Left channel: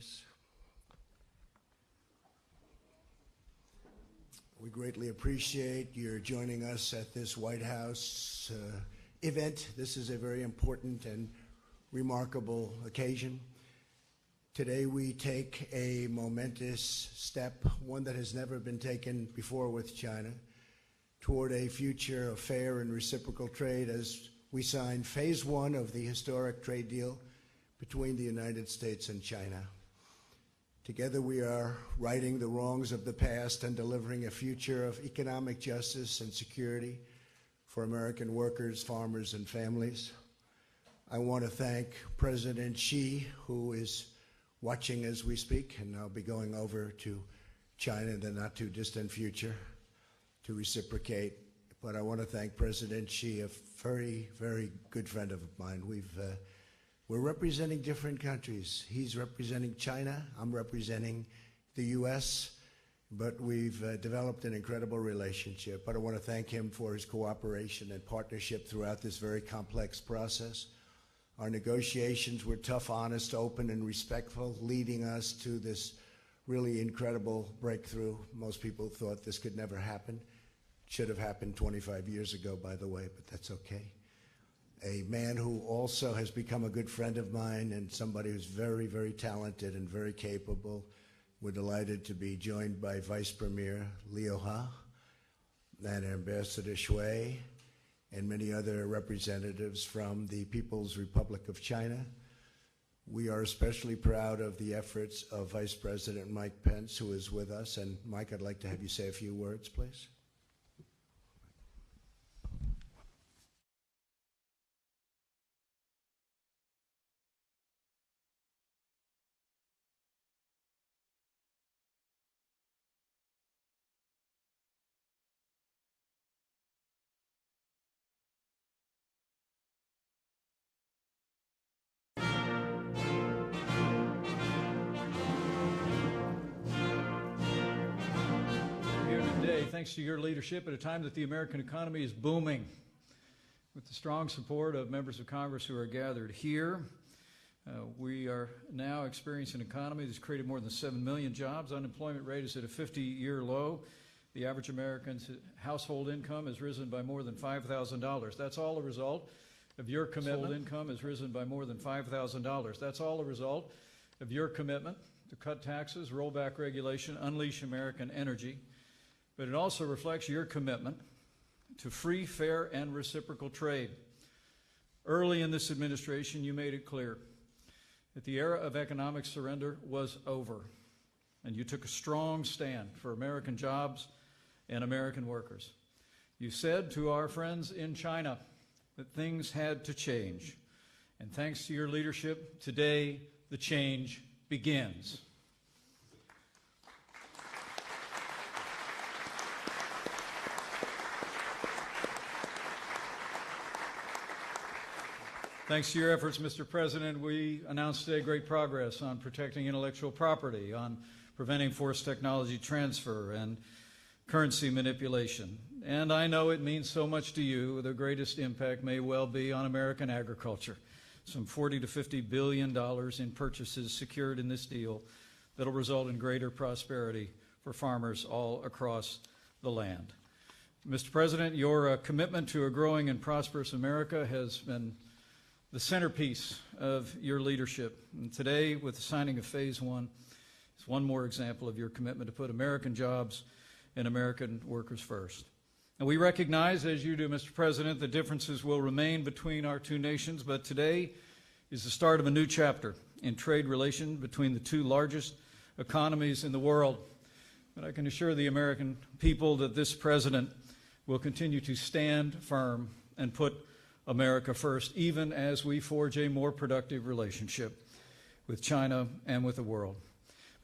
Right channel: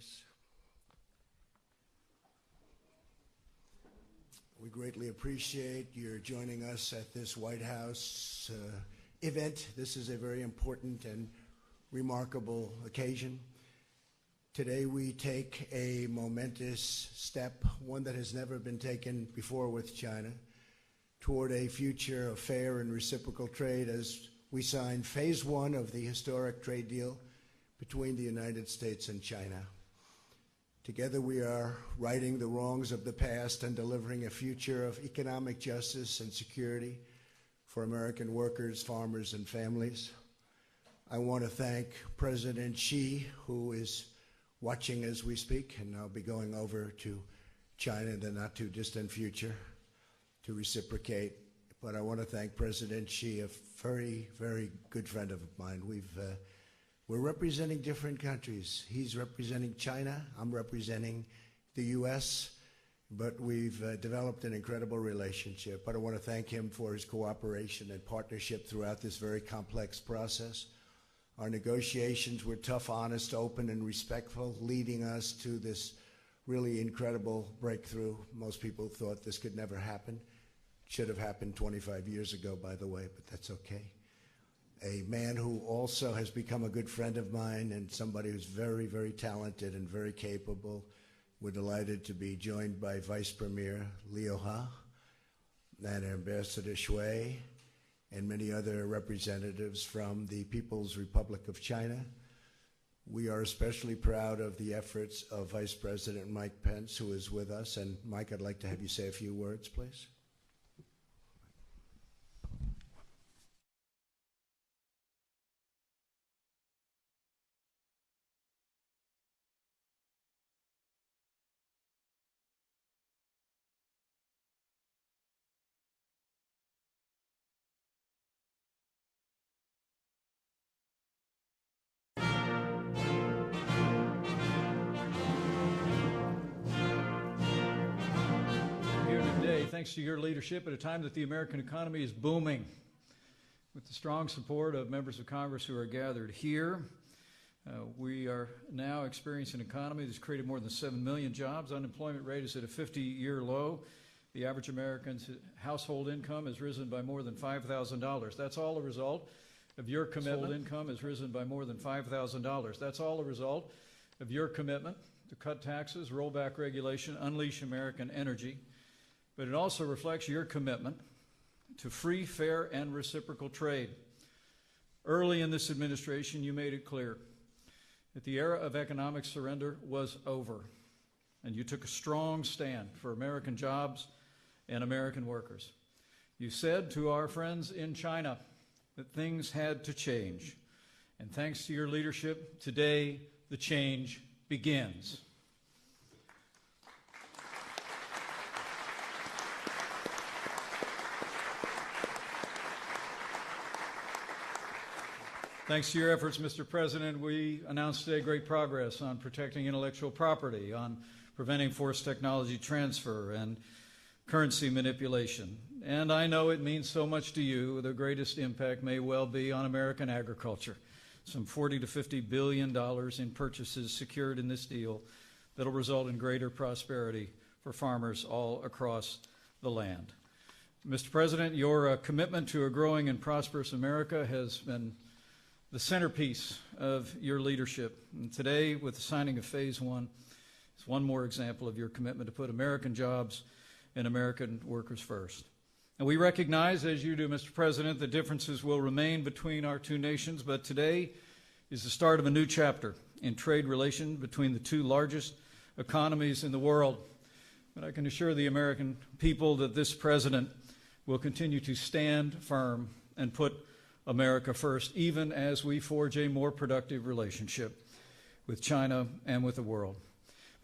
please. We greatly appreciate your joining us at this White House event. This is a very important and remarkable occasion. Today we take a momentous step, one that has never been taken before with China, toward a future of fair and reciprocal trade as we sign phase one of the historic trade deal between the United States and China. Together we are righting the wrongs of the past and delivering a future of economic justice and security for American workers, farmers, and families. I want to thank President Xi, who is watching as we speak, and I'll be going over to China in the not too distant future to reciprocate. But I want to thank President Xi, a very, very good friend of mine. We're representing different countries. He's representing China, I'm representing the U.S., but we've developed an incredible relationship. But I want to thank him for his cooperation and partnership throughout this very complex process. Our negotiations were tough, honest, open, and respectful, leading us to this really incredible breakthrough. Most people thought this could never happen. Should have happened 25 years ago, by the way, but that's okay. A man who also has become a good friend of mine and somebody who's very, very talented and very capable. We're delighted to be joined by Vice Premier Liu He and Ambassador Shui and many other representatives from the People's Republic of China. We are especially proud of the efforts of Vice President Mike Pence, who is with us. And Mike, I'd like to have you say a few words, please. Thanks to your leadership at a time that the American economy is booming. With the strong support of members of Congress who are gathered here, we are now experiencing an economy that's created more than 7 million jobs. Unemployment rate is at a 50-year low. The average American's household income has risen by more than $5,000. That's all a result of your commitment. Income has risen by more than $5,000. That's all a result of your commitment to cut taxes, roll back regulation, unleash American energy. But it also reflects your commitment to free, fair, and reciprocal trade. Early in this administration, you made it clear that the era of economic surrender was over, and you took a strong stand for American jobs and American workers. You said to our friends in China that things had to change, and thanks to your leadership, today the change begins. Thanks to your efforts, Mr. President, we announced today great progress on protecting intellectual property, on preventing forced technology transfer and currency manipulation. And I know it means so much to you. The greatest impact may well be on American agriculture. Some $40 to $50 billion in purchases secured in this deal that will result in greater prosperity for farmers all across the land. Mr. President, your commitment to a growing and prosperous America has been the centerpiece of your leadership. And today, with the signing of Phase 1, is one more example of your commitment to put American jobs and American workers first. And we recognize, as you do, Mr. President, the differences will remain between our two nations, but today is the start of a new chapter in trade relations between the two largest economies in the world. And I can assure the American people that this president will continue to stand firm and put America first, even as we forge a more productive relationship with China and with the world.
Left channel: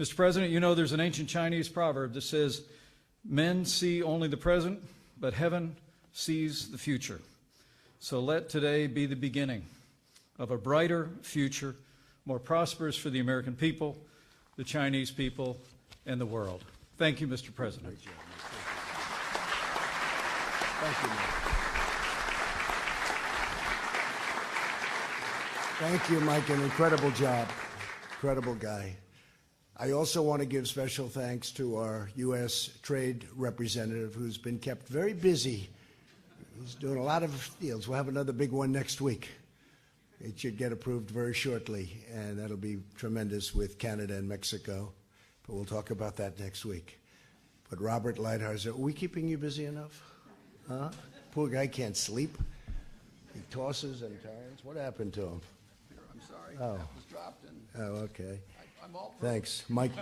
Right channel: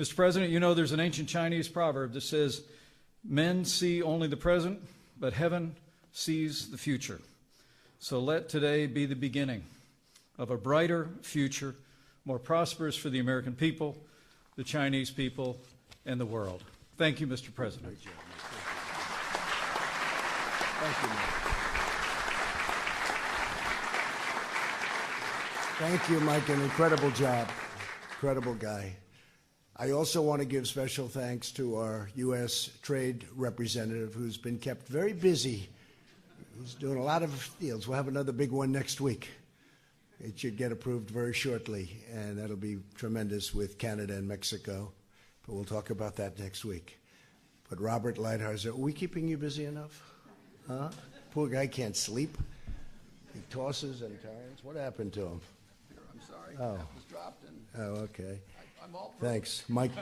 Mr. President, you know there's an ancient Chinese proverb that says, men see only the present, but heaven sees the future. So let today be the beginning of a brighter future, more prosperous for the American people, the Chinese people, and the world. Thank you, Mr. President. Thank you, Mike. Thank you, Mike. An incredible job. Incredible guy. I also want to give special thanks to our U.S. Trade Representative, who's been kept very busy. He's doing a lot of deals. We'll have another big one next week. It should get approved very shortly, and that'll be tremendous with Canada and Mexico. But we'll talk about that next week. But Robert Lighthizer, are we keeping you busy enough? Huh? Poor guy can't sleep. He tosses and turns. What happened to him? I'm sorry. Oh. That was dropped. And Oh, okay. I'm all Thanks. Mike,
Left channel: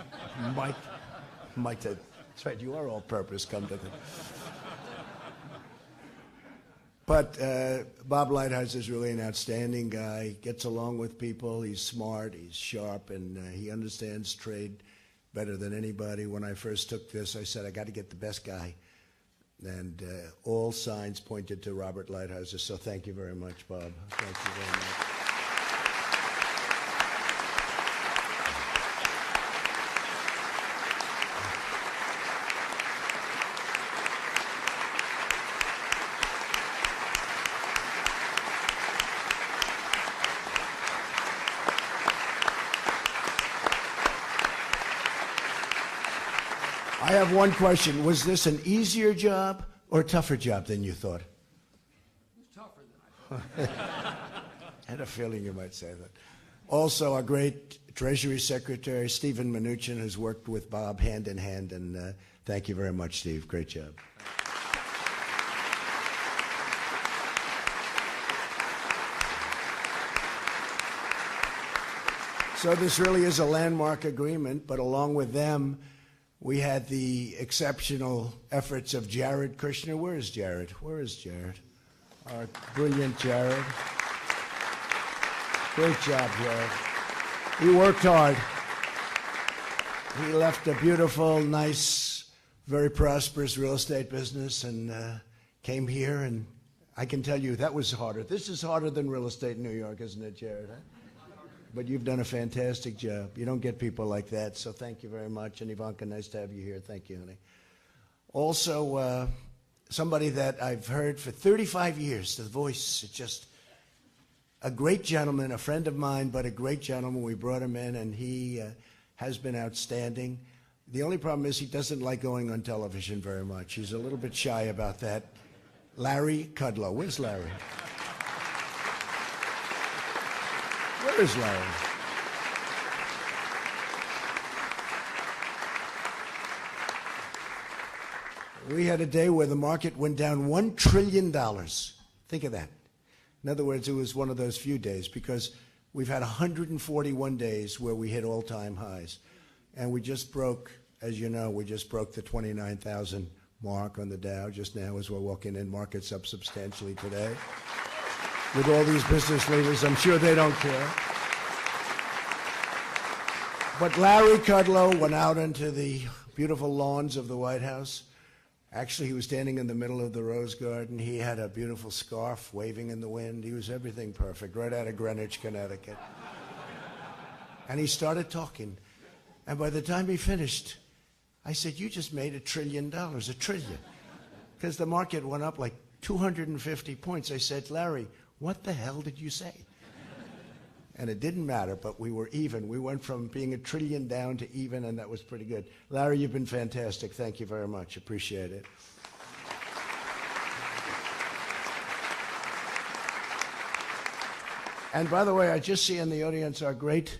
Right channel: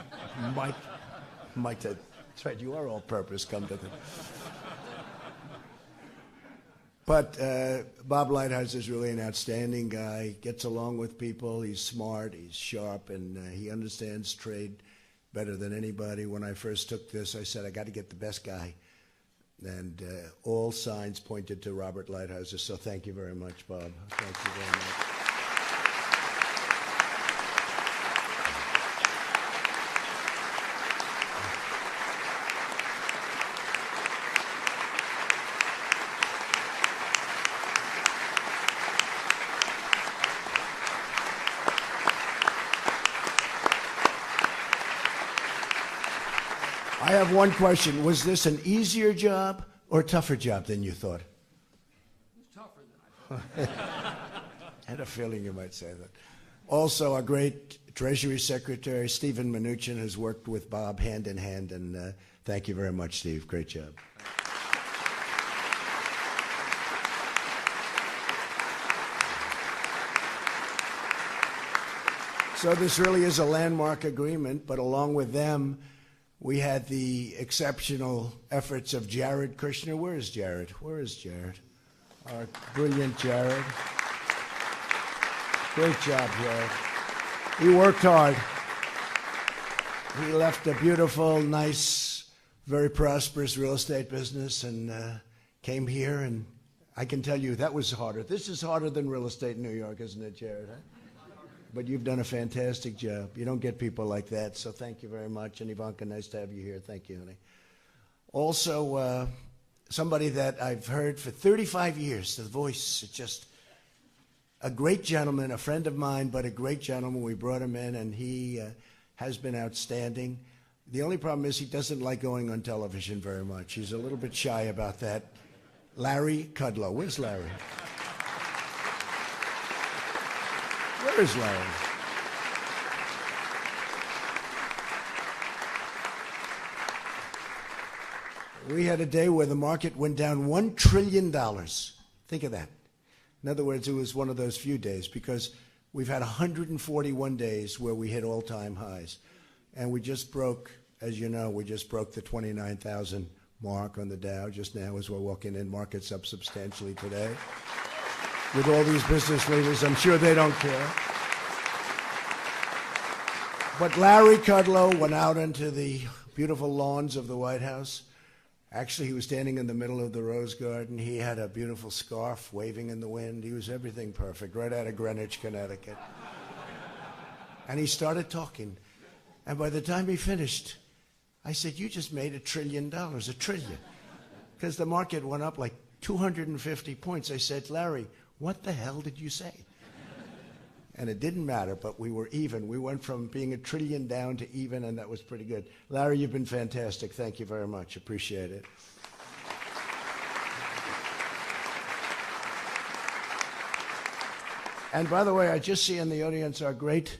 that's right, you are all purpose, come to think. But Bob Lighthizer is really an outstanding guy, gets along with people, he's smart, he's sharp, and he understands trade better than anybody. When I first took this, I said, I got to get the best guy. And all signs pointed to Robert Lighthizer, so thank you very much, Bob. Thank you very much. I have one question. Was this an easier job or a tougher job than you thought? It's tougher than I thought. I had a feeling you might say that. Also, our great Treasury Secretary, Stephen Mnuchin, has worked with Bob hand in hand, and thank you very much, Steve. Great job. So this really is a landmark agreement, but along with them, we had the exceptional efforts of Jared Kushner. Where is Jared? Where is Jared? Our brilliant Jared. Great job, Jared. He worked hard. He left a beautiful, nice, very prosperous real estate business and came here, and I can tell you that was harder. This is harder than real estate in New York, isn't it, Jared? But you've done a fantastic job. You don't get people like that, so thank you very much. And Ivanka, nice to have you here. Thank you, honey. Also, somebody that I've heard for 35 years, the voice, is just a great gentleman, a friend of mine, but a great gentleman. We brought him in, and he has been outstanding. The only problem is he doesn't like going on television very much. He's a little bit shy about that. Larry Kudlow. Where's Larry? Where is Larry? We had a day where the market went down $1 trillion. Think of that. In other words, it was one of those few days because we've had 141 days where we hit all-time highs. And we just broke, as you know, we just broke the 29,000 mark on the Dow just now as we're walking in. Market's up substantially today. With all these business leaders, I'm sure they don't care. But Larry Kudlow went out into the beautiful lawns of the White House. Actually, he was standing in the middle of the Rose Garden. He had a beautiful scarf waving in the wind. He was everything perfect, right out of Greenwich, Connecticut. And he started talking. And by the time he finished, I said, you just made $1 trillion, $1 trillion. Because the market went up like 250 points. I said, Larry, what the hell did you say? And it didn't matter, but we were even. We went from being $1 trillion down to even, and that was pretty good. Larry, you've been fantastic. Thank you very much. Appreciate it. And by the way, I just see in the audience our great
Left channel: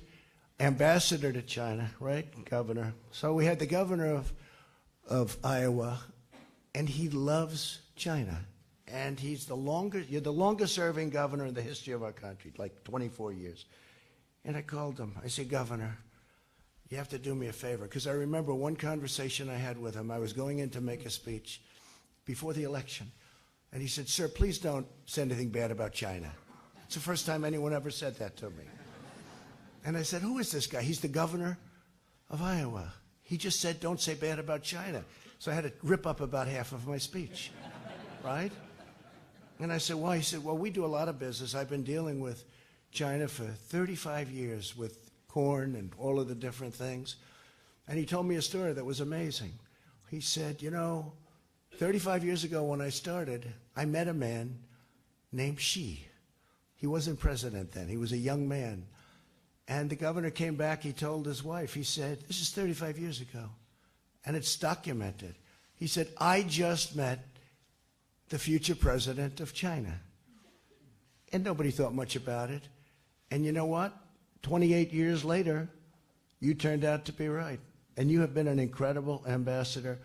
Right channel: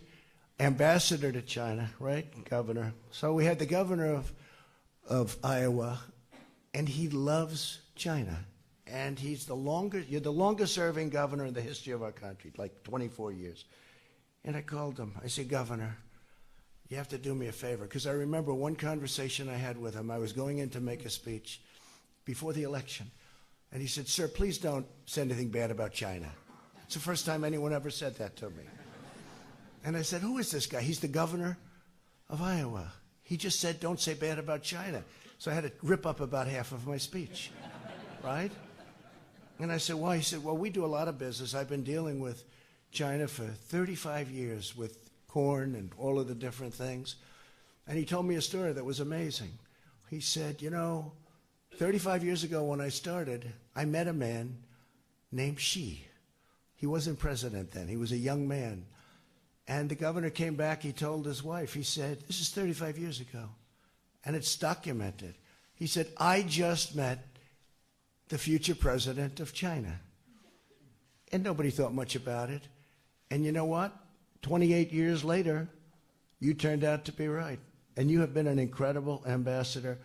ambassador to China, right, governor. So we had the governor of Iowa, and he loves China. And you're the longest serving governor in the history of our country, like 24 years. And I called him. I said, Governor, you have to do me a favor. Because I remember one conversation I had with him. I was going in to make a speech before the election. And he said, sir, please don't say anything bad about China. It's the first time anyone ever said that to me. And I said, who is this guy? He's the governor of Iowa. He just said, don't say bad about China. So I had to rip up about half of my speech, right? And I said, why? He said, well, we do a lot of business. I've been dealing with China for 35 years with corn and all of the different things. And he told me a story that was amazing. He said, 35 years ago when I started, I met a man named Xi. He wasn't president then. He was a young man. And the governor came back, he told his wife, he said, this is 35 years ago, and it's documented. He said, I just met the future president of China. And nobody thought much about it. And you know what? 28 years later, you turned out to be right. And you have been an incredible ambassador,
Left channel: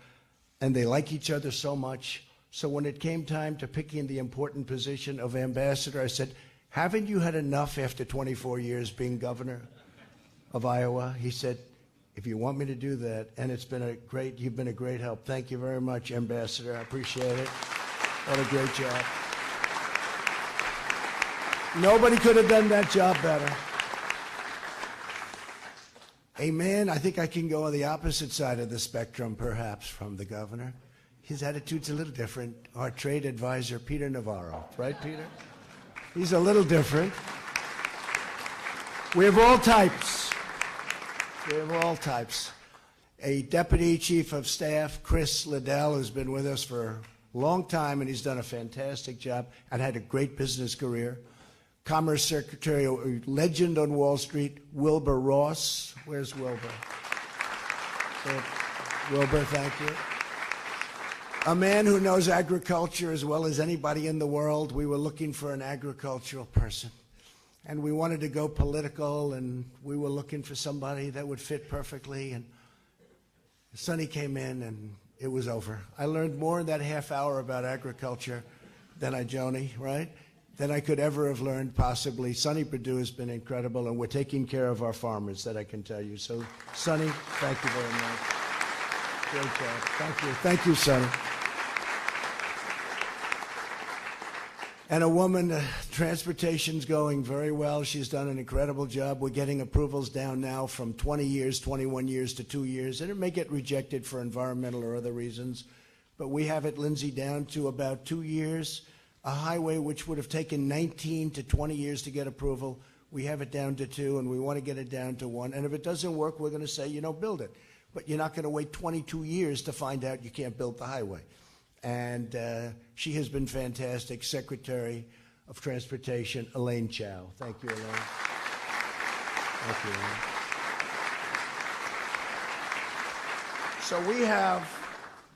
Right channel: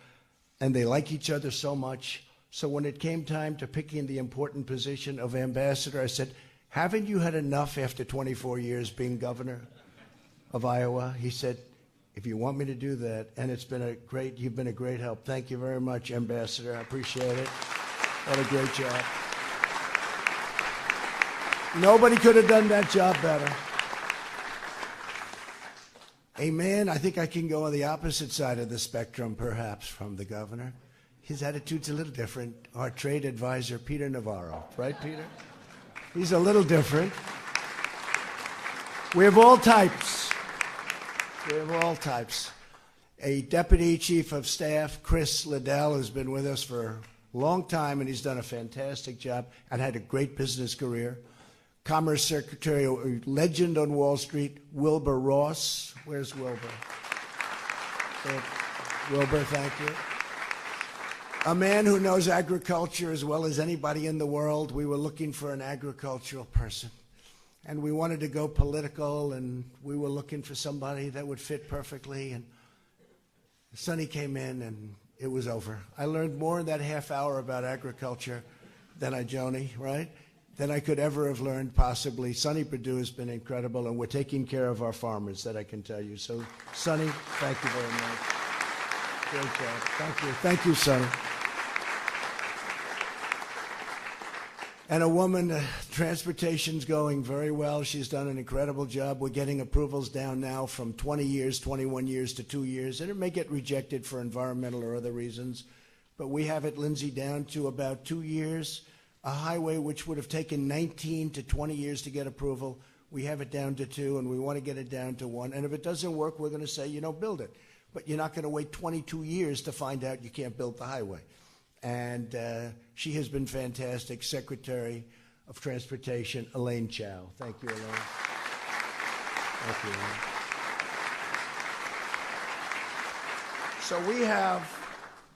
and they like each other so much. So when it came time to picking the important position of ambassador, I said, haven't you had enough after 24 years being governor of Iowa? He said, if you want me to do that, and you've been a great help. Thank you very much, Ambassador. I appreciate it. What a great job. Nobody could have done that job better. Amen. I think I can go on the opposite side of the spectrum, perhaps, from the governor. His attitude's a little different. Our trade advisor, Peter Navarro. Right, Peter? He's a little different. We have all types. We have all types. A deputy chief of staff, Chris Liddell, has been with us for a long time, and he's done a fantastic job and had a great business career. Commerce Secretary, a legend on Wall Street, Wilbur Ross. Where's Wilbur? Wilbur, thank you. A man who knows agriculture as well as anybody in the world. We were looking for an agricultural person, and we wanted to go political, and we were looking for somebody that would fit perfectly, and Sonny came in, and it was over. I learned more in that half hour about agriculture than Joni, right? Than I could ever have learned, possibly. Sonny Perdue has been incredible, and we're taking care of our farmers, that I can tell you. So, Sonny, thank you very much. Great job. Thank you. Thank you, Sonny. And a woman, transportation's going very well. She's done an incredible job. We're getting approvals down now from 20 years, 21 years to 2 years, and it may get rejected for environmental or other reasons. But we have it, Lindsay, down to about 2 years. A highway which would have taken 19 to 20 years to get approval, we have it down to 2, and we want to get it down to 1. And if it doesn't work, we're going to say, build it. But you're not going to wait 22 years to find out you can't build the highway. And she has been fantastic. Secretary of Transportation, Elaine Chao. Thank you, Elaine. Thank you, Elaine. So we have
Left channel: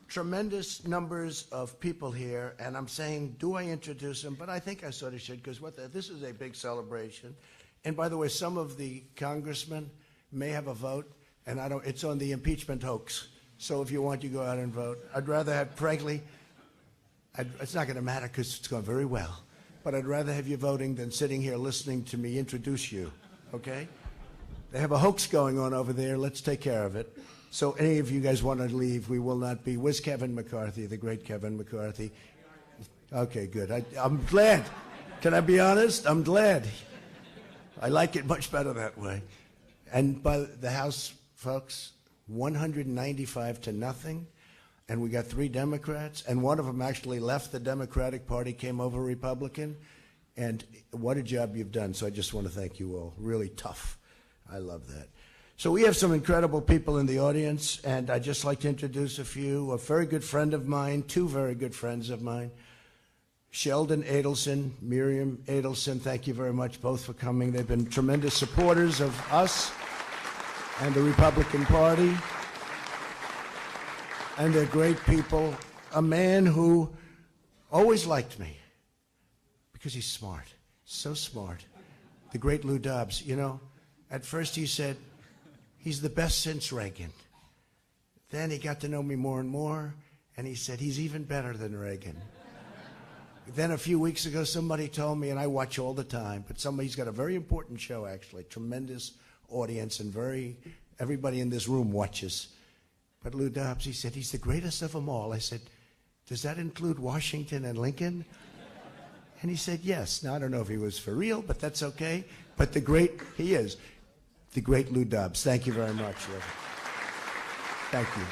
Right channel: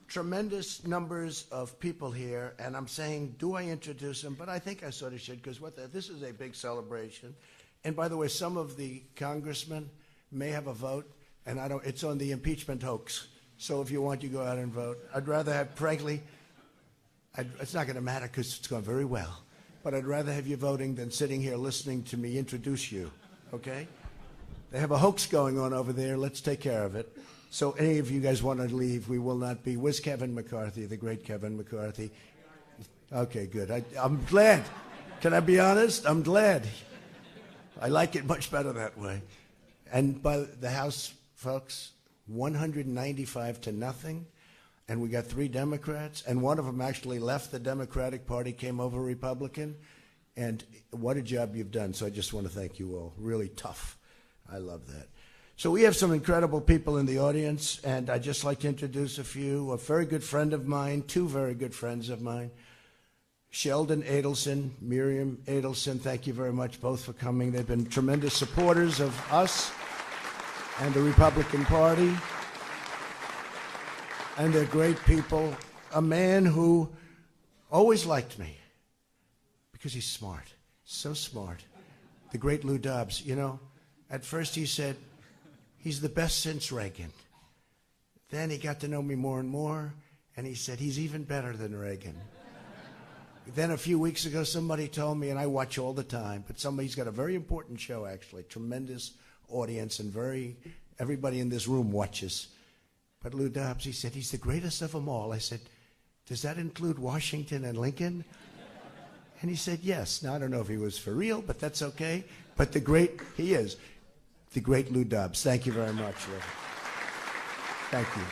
tremendous numbers of people here, and I'm saying, do I introduce them? But I think I sort of should, because this is a big celebration. And by the way, some of the congressmen may have a vote, and it's on the impeachment hoax. So if you want, you go out and vote. I'd rather have, frankly, it's not going to matter because it's going very well, but I'd rather have you voting than sitting here listening to me introduce you, okay? They have a hoax going on over there. Let's take care of it. So any of you guys want to leave, we will not be. Where's Kevin McCarthy, the great Kevin McCarthy? Okay, good. I'm glad. Can I be honest? I'm glad. I like it much better that way. And by the House, folks, 195 to nothing. And we got 3 Democrats, and one of them actually left the Democratic Party, came over Republican. And what a job you've done. So I just want to thank you all. Really tough. I love that. So we have some incredible people in the audience, and I'd just like to introduce a few. A very good friend of mine, 2 very good friends of mine, Sheldon Adelson, Miriam Adelson, thank you very much both for coming. They've been tremendous supporters of us and the Republican Party, and they're great people. A man who always liked me because he's smart, so smart. The great Lou Dobbs, at first he said, he's the best since Reagan. Then he got to know me more and more, and he said, he's even better than Reagan. Then a few weeks ago, somebody told me, and I watch all the time, but he's got a very important show, actually, tremendous audience, and everybody in this room watches. But Lou Dobbs, he said, he's the greatest of them all. I said, does that include Washington and Lincoln? And he said, yes. Now, I don't know if he was for real, but that's okay. But he is. The great Lou Dobbs. Thank you very much, Lou. Thank you.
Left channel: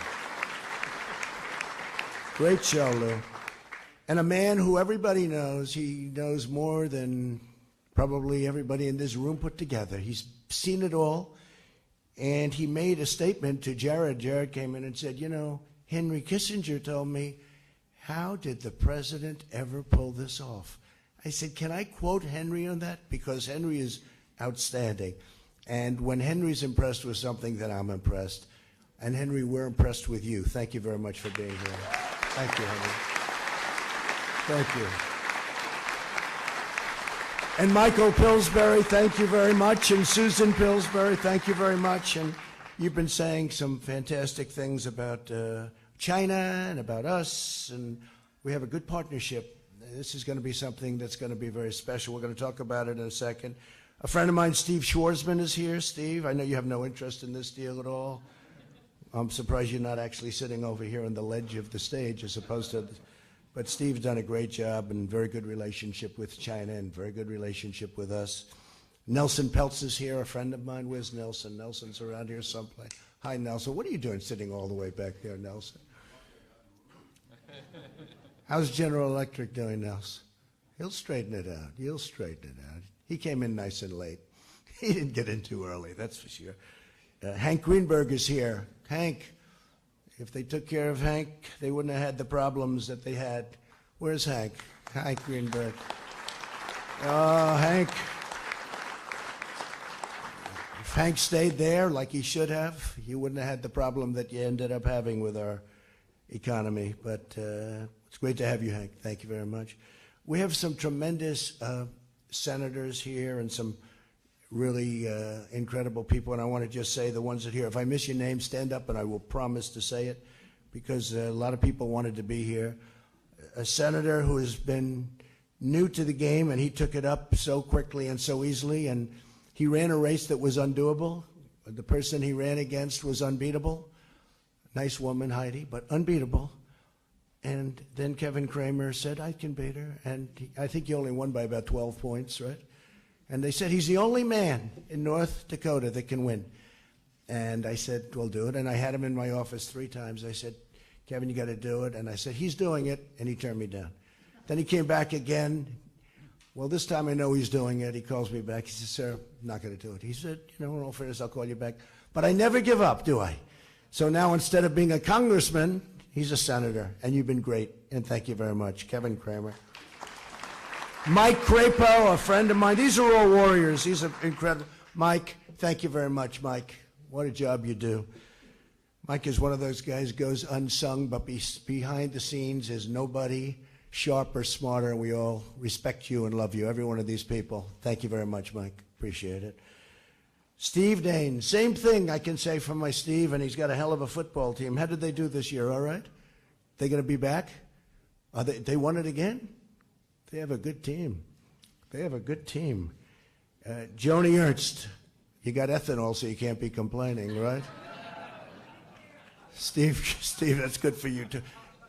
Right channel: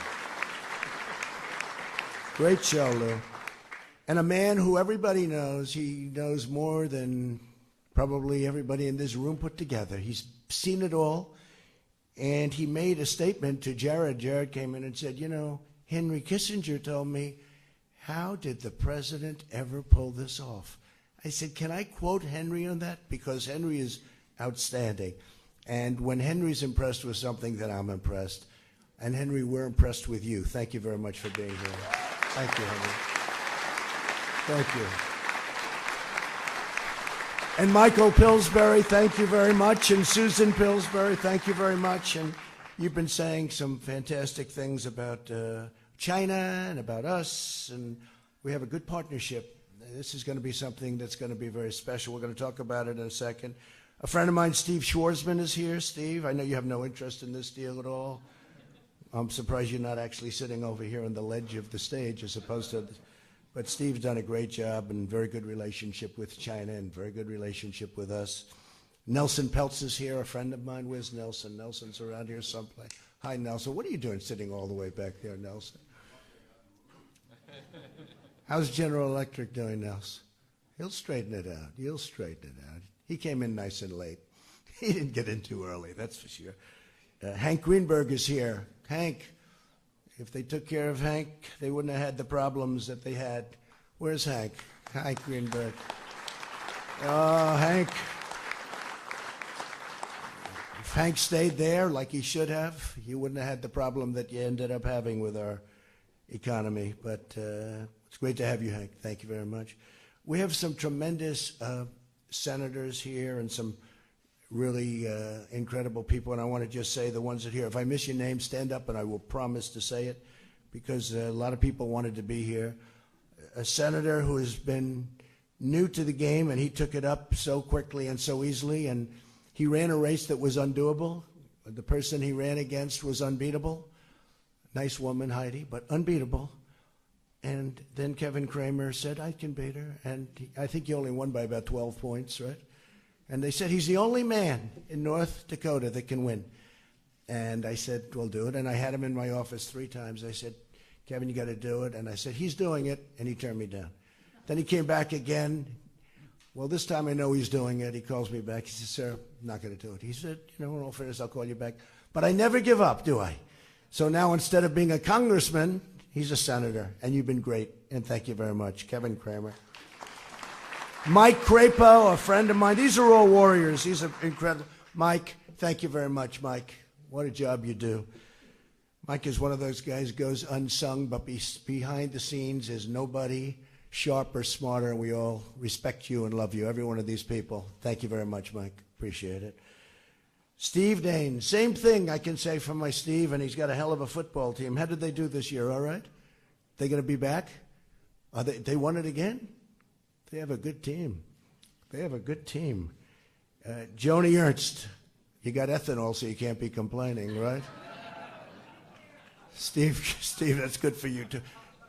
Great show, Lou. And a man who everybody knows. He knows more than probably everybody in this room put together. He's seen it all. And he made a statement to Jared. Jared came in and said, Henry Kissinger told me, how did the president ever pull this off? I said, can I quote Henry on that? Because Henry is outstanding. And when Henry's impressed with something, then I'm impressed. And Henry, we're impressed with you. Thank you very much for being here. Thank you, Henry. Thank you. And Michael Pillsbury, thank you very much. And Susan Pillsbury, thank you very much. And you've been saying some fantastic things about China and about us, and we have a good partnership. This is going to be something that's going to be very special. We're going to talk about it in a second. A friend of mine, Steve Schwarzman, is here. Steve, I know you have no interest in this deal at all. I'm surprised you're not actually sitting over here on the ledge of the stage as opposed to... But Steve's done a great job and very good relationship with China and very good relationship with us. Nelson Peltz is here, a friend of mine. Where's Nelson? Nelson's around here someplace. Hi, Nelson. What are you doing sitting all the way back there, Nelson? How's General Electric doing, Nelson? He'll straighten it out. You'll straighten it out. He came in nice and late. He didn't get in too early, that's for sure. Hank Greenberg is here. Hank, if they took care of Hank, they wouldn't have had the problems that they had. Where's Hank? Hank Greenberg. Oh, Hank. If Hank stayed there like he should have, you wouldn't have had the problem that you ended up having with our economy. But it's great to have you, Hank. Thank you very much. We have some tremendous senators here and some really incredible people, and I want to just say the ones that are here. If I miss your name, stand up and I will promise to say it, because a lot of people wanted to be here. A senator who has been new to the game, and he took it up so quickly and so easily, and he ran a race that was undoable. The person he ran against was unbeatable. Nice woman, Heidi, but unbeatable. And then Kevin Cramer said, I can beat her, and I think he only won by about 12 points, right? And they said, he's the only man in North Dakota that can win. And I said, we'll do it. And I had him in my office 3 times. I said, Kevin, you got to do it. And I said, he's doing it. And he turned me down. Then he came back again. Well, this time I know he's doing it. He calls me back. He said, sir, I'm not going to do it. He said, in all fairness, I'll call you back. But I never give up, do I? So now instead of being a congressman, he's a senator. And you've been great. And thank you very much. Kevin Cramer. Mike Crapo, a friend of mine. These are all warriors. These are incredible. Mike, thank you very much, Mike. What a job you do. Mike is one of those guys who goes unsung, but behind the scenes is nobody sharper, smarter, and we all respect you and love you, every one of these people. Thank you very much, Mike. Appreciate it. Steve Dane, same thing I can say for my Steve, and he's got a hell of a football team. How did they do this year, all right? They going to be back? They won it again? They have a good team. They have a good team. Joni Ernst, you got ethanol, so you can't be complaining, right? Steve, that's good for you, too.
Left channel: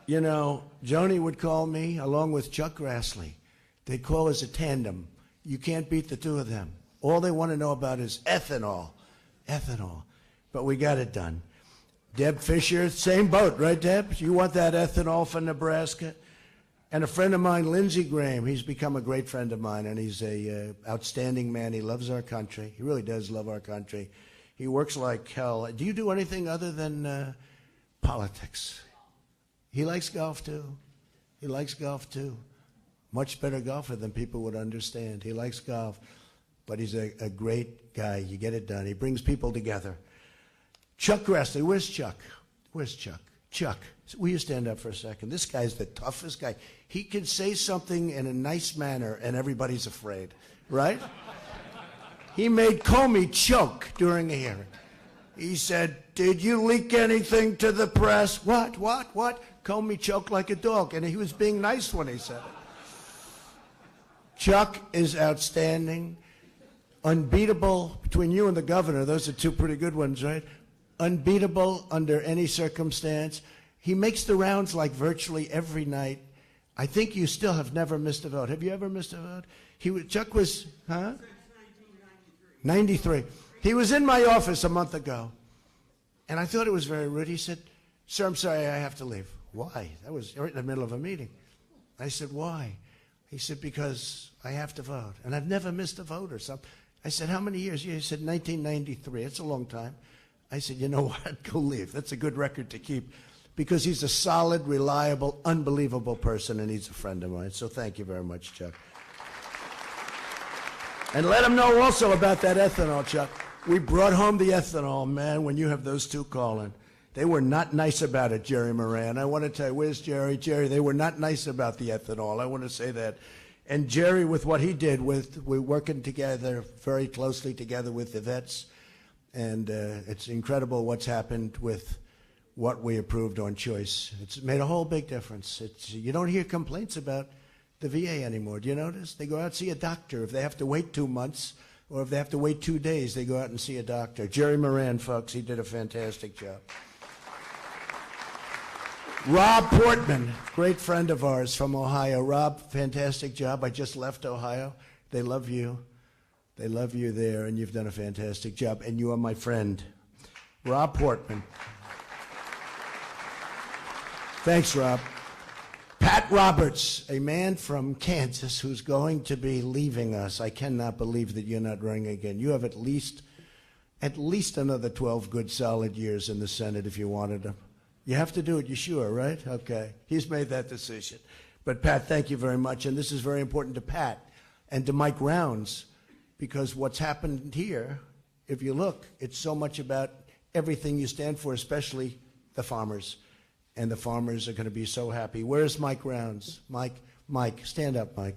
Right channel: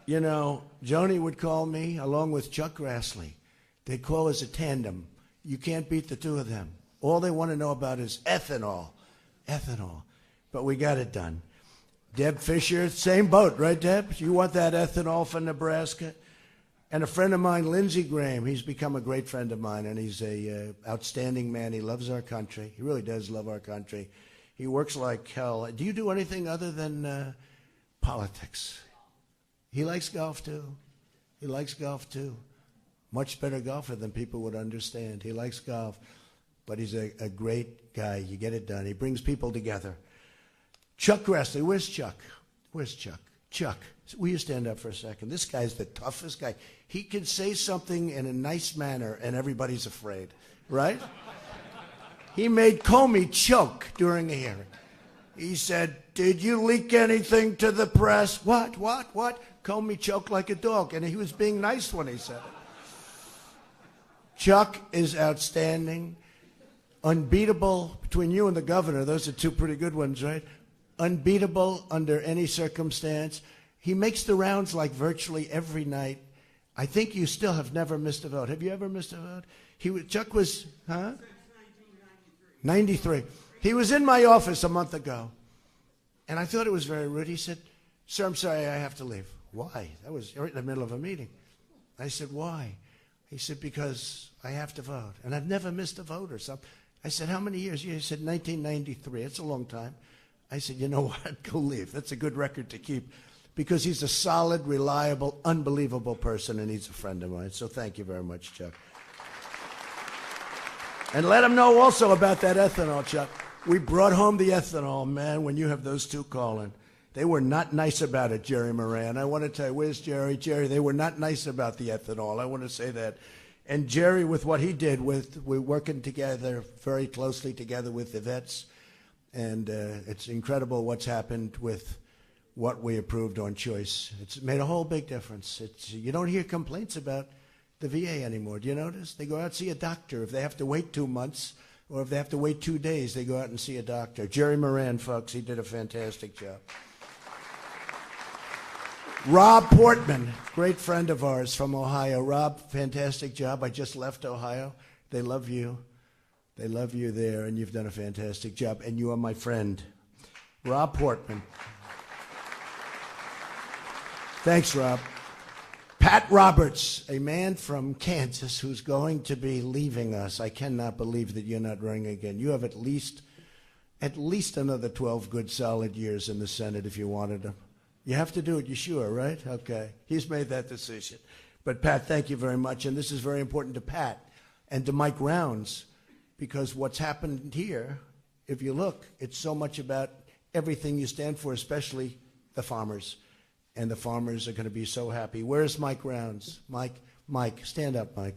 You know, Joni would call me along with Chuck Grassley. They'd call us a tandem. You can't beat the two of them. All they want to know about is ethanol. Ethanol. But we got it done. Deb Fisher, same boat, right, Deb? You want that ethanol for Nebraska? And a friend of mine, Lindsey Graham, he's become a great friend of mine, and he's a outstanding man. He loves our country. He really does love our country. He works like hell. Do you do anything other than politics? He likes golf, too. He likes golf, too. Much better golfer than people would understand. He likes golf, but he's a great guy. You get it done. He brings people together. Chuck Grassley, where's Chuck? Where's Chuck? Chuck, will you stand up for a second? This guy's the toughest guy. He can say something in a nice manner, and everybody's afraid, right? He made Comey choke during a hearing. He said, did you leak anything to the press? What? Comey choked like a dog, and he was being nice when he said it. Chuck is outstanding. Unbeatable between you and the governor. Those are 2 pretty good ones, right? Unbeatable under any circumstance. He makes the rounds like virtually every night. I think you still have never missed a vote. Have you ever missed a vote? Chuck was, huh? 93. He was in my office a month ago, and I thought it was very rude. He said, sir, I'm sorry, I have to leave. Why? That was right in the middle of a meeting. I said, why? He said, because I have to vote, and I've never missed a vote or something. I said, how many years? He said, 1993. It's a long time. I said, you know what? Go leave. That's a good record to keep, because he's a solid, reliable, unbelievable person, and he's a friend of mine. So thank you very much, Chuck. And let him know also about that ethanol, Chuck. We brought home the ethanol, man, when you have those two calling. They were not nice about it, Jerry Moran. I want to tell you, where's Jerry? Jerry, they were not nice about the ethanol. I want to say that. And Jerry, with what he did, we're working together, very closely together with the vets. And it's incredible what's happened with what we approved on choice. It's made a whole big difference. You don't hear complaints about the VA anymore. Do you notice? They go out and see a doctor. If they have to wait 2 months or if they have to wait 2 days, they go out and see a doctor. Jerry Moran, folks, he did a fantastic job. Rob Portman, great friend of ours from Ohio. Rob, fantastic job. I just left Ohio. They love you. They love you there, and you've done a fantastic job. And you are my friend. Rob Portman. Thanks, Rob. Pat Roberts, a man from Kansas who's going to be leaving us. I cannot believe that you're not running again. You have at least another 12 good, solid years in the Senate if you wanted them. You have to do it, you sure, right? Okay. He's made that decision. But, Pat, thank you very much. And this is very important to Pat and to Mike Rounds, because what's happened here, if you look, it's so much about everything you stand for, especially the farmers. And the farmers are going to be so happy. Where's Mike Rounds? Mike, stand up, Mike.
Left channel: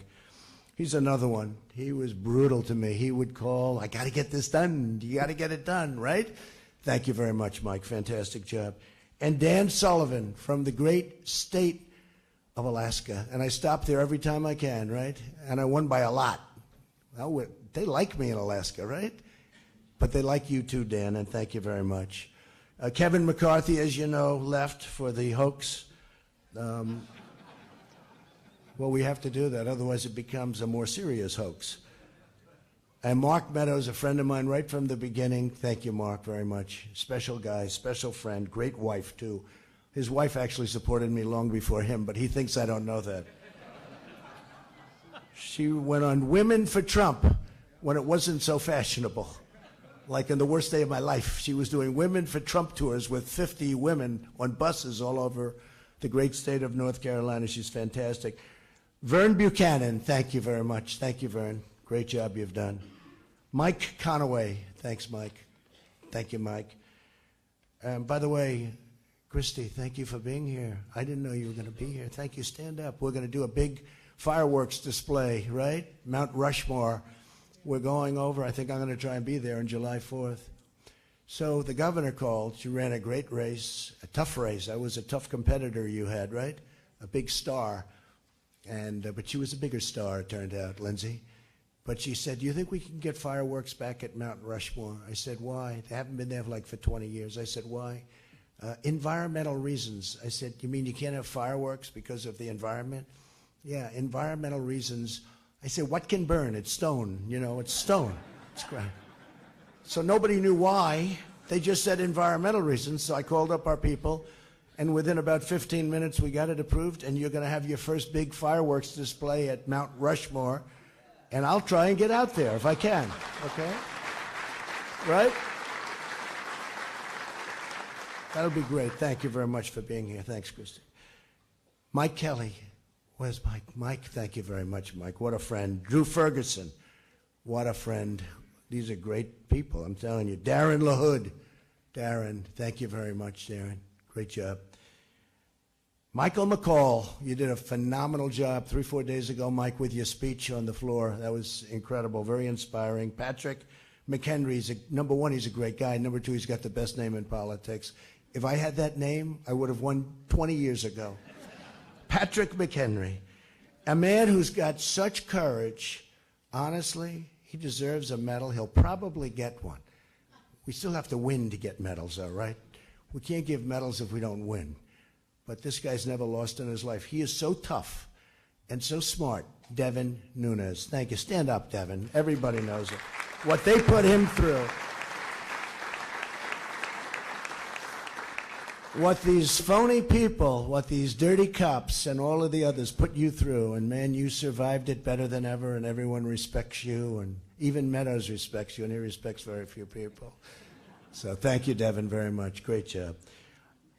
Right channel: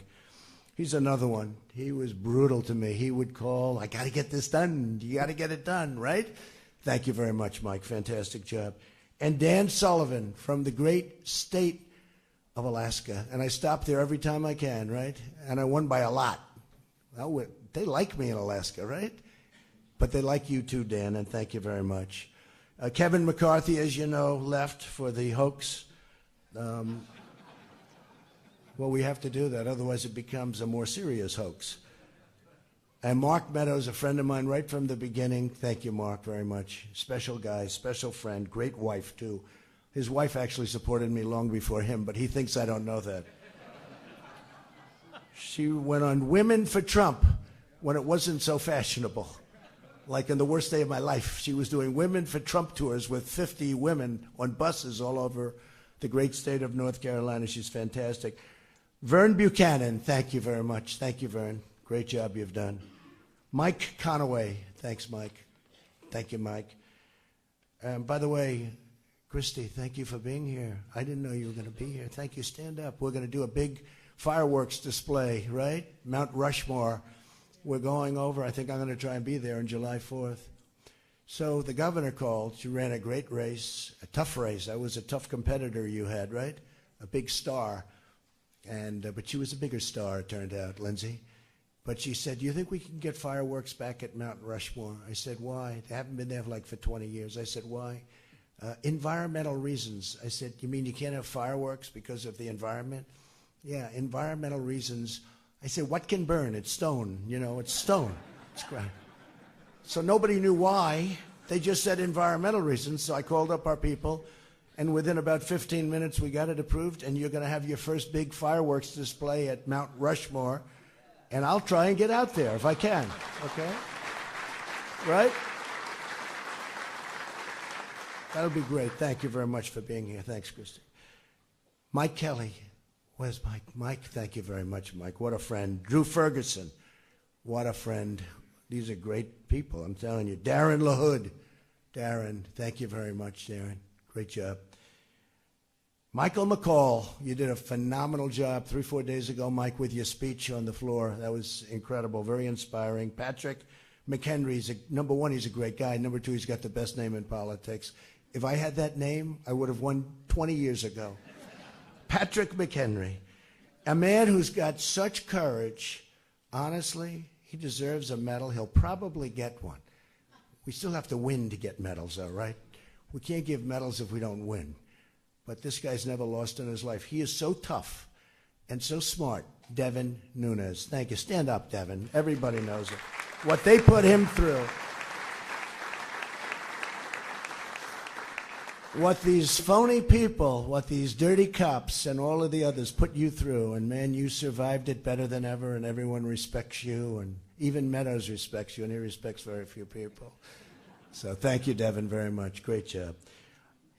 He's another one. He was brutal to me. He would call, I got to get this done. You got to get it done, right? Thank you very much, Mike. Fantastic job. And Dan Sullivan from the great state of Alaska. And I stop there every time I can, right? And I won by a lot. Well, they like me in Alaska, right? But they like you too, Dan, and thank you very much. Kevin McCarthy, as you know, left for the hoax. Well, we have to do that, otherwise it becomes a more serious hoax. And Mark Meadows, a friend of mine right from the beginning. Thank you, Mark, very much. Special guy, special friend, great wife, too. His wife actually supported me long before him, but he thinks I don't know that. She went on Women for Trump when it wasn't so fashionable. Like in the worst day of my life, she was doing Women for Trump tours with 50 women on buses all over the great state of North Carolina. She's fantastic. Vern Buchanan, thank you very much. Thank you, Vern. Great job you've done. Mike Conaway, thanks, Mike. Thank you, Mike. By the way, Christy, thank you for being here. I didn't know you were going to be here. Thank you. Stand up. We're going to do a big fireworks display, right? Mount Rushmore. We're going over. I think I'm going to try and be there on July 4th. So the governor called. She ran a great race, a tough race. I was a tough competitor you had, right? A big star. But she was a bigger star, it turned out, Lindsay. But she said, do you think we can get fireworks back at Mount Rushmore? I said, why? They haven't been there for 20 years. I said, why? Environmental reasons. I said, you mean you can't have fireworks because of the environment? Yeah, environmental reasons. I said, what can burn? It's stone. It's stone. It's ground. So nobody knew why. They just said environmental reasons. So I called up our people, and within about 15 minutes, we got it approved, and you're going to have your first big fireworks display at Mount Rushmore, and I'll try and get out there if I can, okay? Right? That'll be great. Thank you very much for being here. Thanks, Christy. Mike Kelly. Where's Mike? Mike, thank you very much, Mike. What a friend. Drew Ferguson. What a friend. These are great people, I'm telling you. Darren LaHood. Darren, thank you very much, Darren. Great job. Michael McCall, you did a phenomenal job 3-4 days ago, Mike, with your speech on the floor. That was incredible, very inspiring. Patrick McHenry, number one, he's a great guy. Number two, he's got the best name in politics. If I had that name, I would have won 20 years ago. Patrick McHenry, a man who's got such courage. Honestly, he deserves a medal. He'll probably get one. We still have to win to get medals, though, right? We can't give medals if we don't win. But this guy's never lost in his life. He is so tough and so smart. Devin Nunes. Thank you. Stand up, Devin. Everybody knows it. What they put him through. What these phony people, what these dirty cops and all of the others put you through, and man, you survived it better than ever, and everyone respects you, and even Meadows respects you, and he respects very few people. So thank you, Devin, very much. Great job.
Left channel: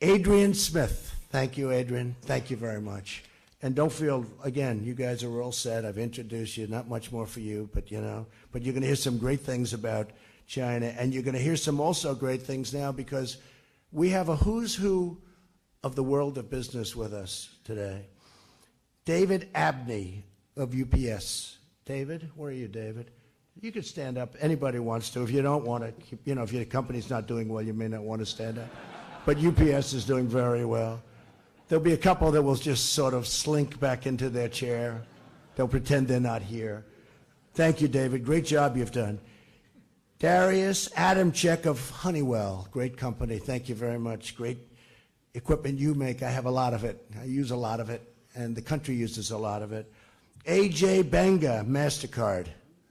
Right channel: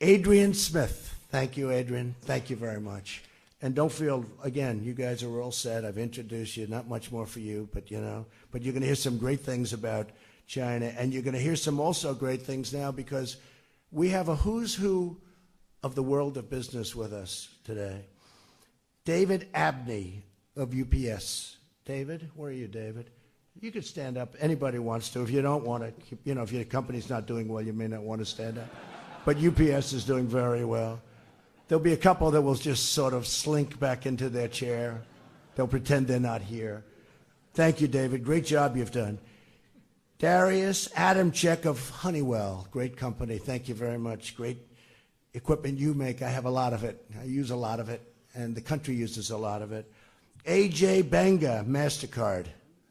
Adrian Smith. Thank you, Adrian. Thank you very much. And don't feel, again, you guys are all set. I've introduced you. Not much more for you, but you're going to hear some great things about China. And you're going to hear some also great things now because we have a who's who of the world of business with us today. David Abney of UPS. David, where are you, David? You can stand up. Anybody wants to. If you don't want to, if your company's not doing well, you may not want to stand up. But UPS is doing very well. There'll be a couple that will just sort of slink back into their chair. They'll pretend they're not here. Thank you, David. Great job you've done. Darius Adamczyk of Honeywell. Great company. Thank you very much. Great equipment you make. I have a lot of it. I use a lot of it, and the country uses a lot of it. AJ Banga, MasterCard.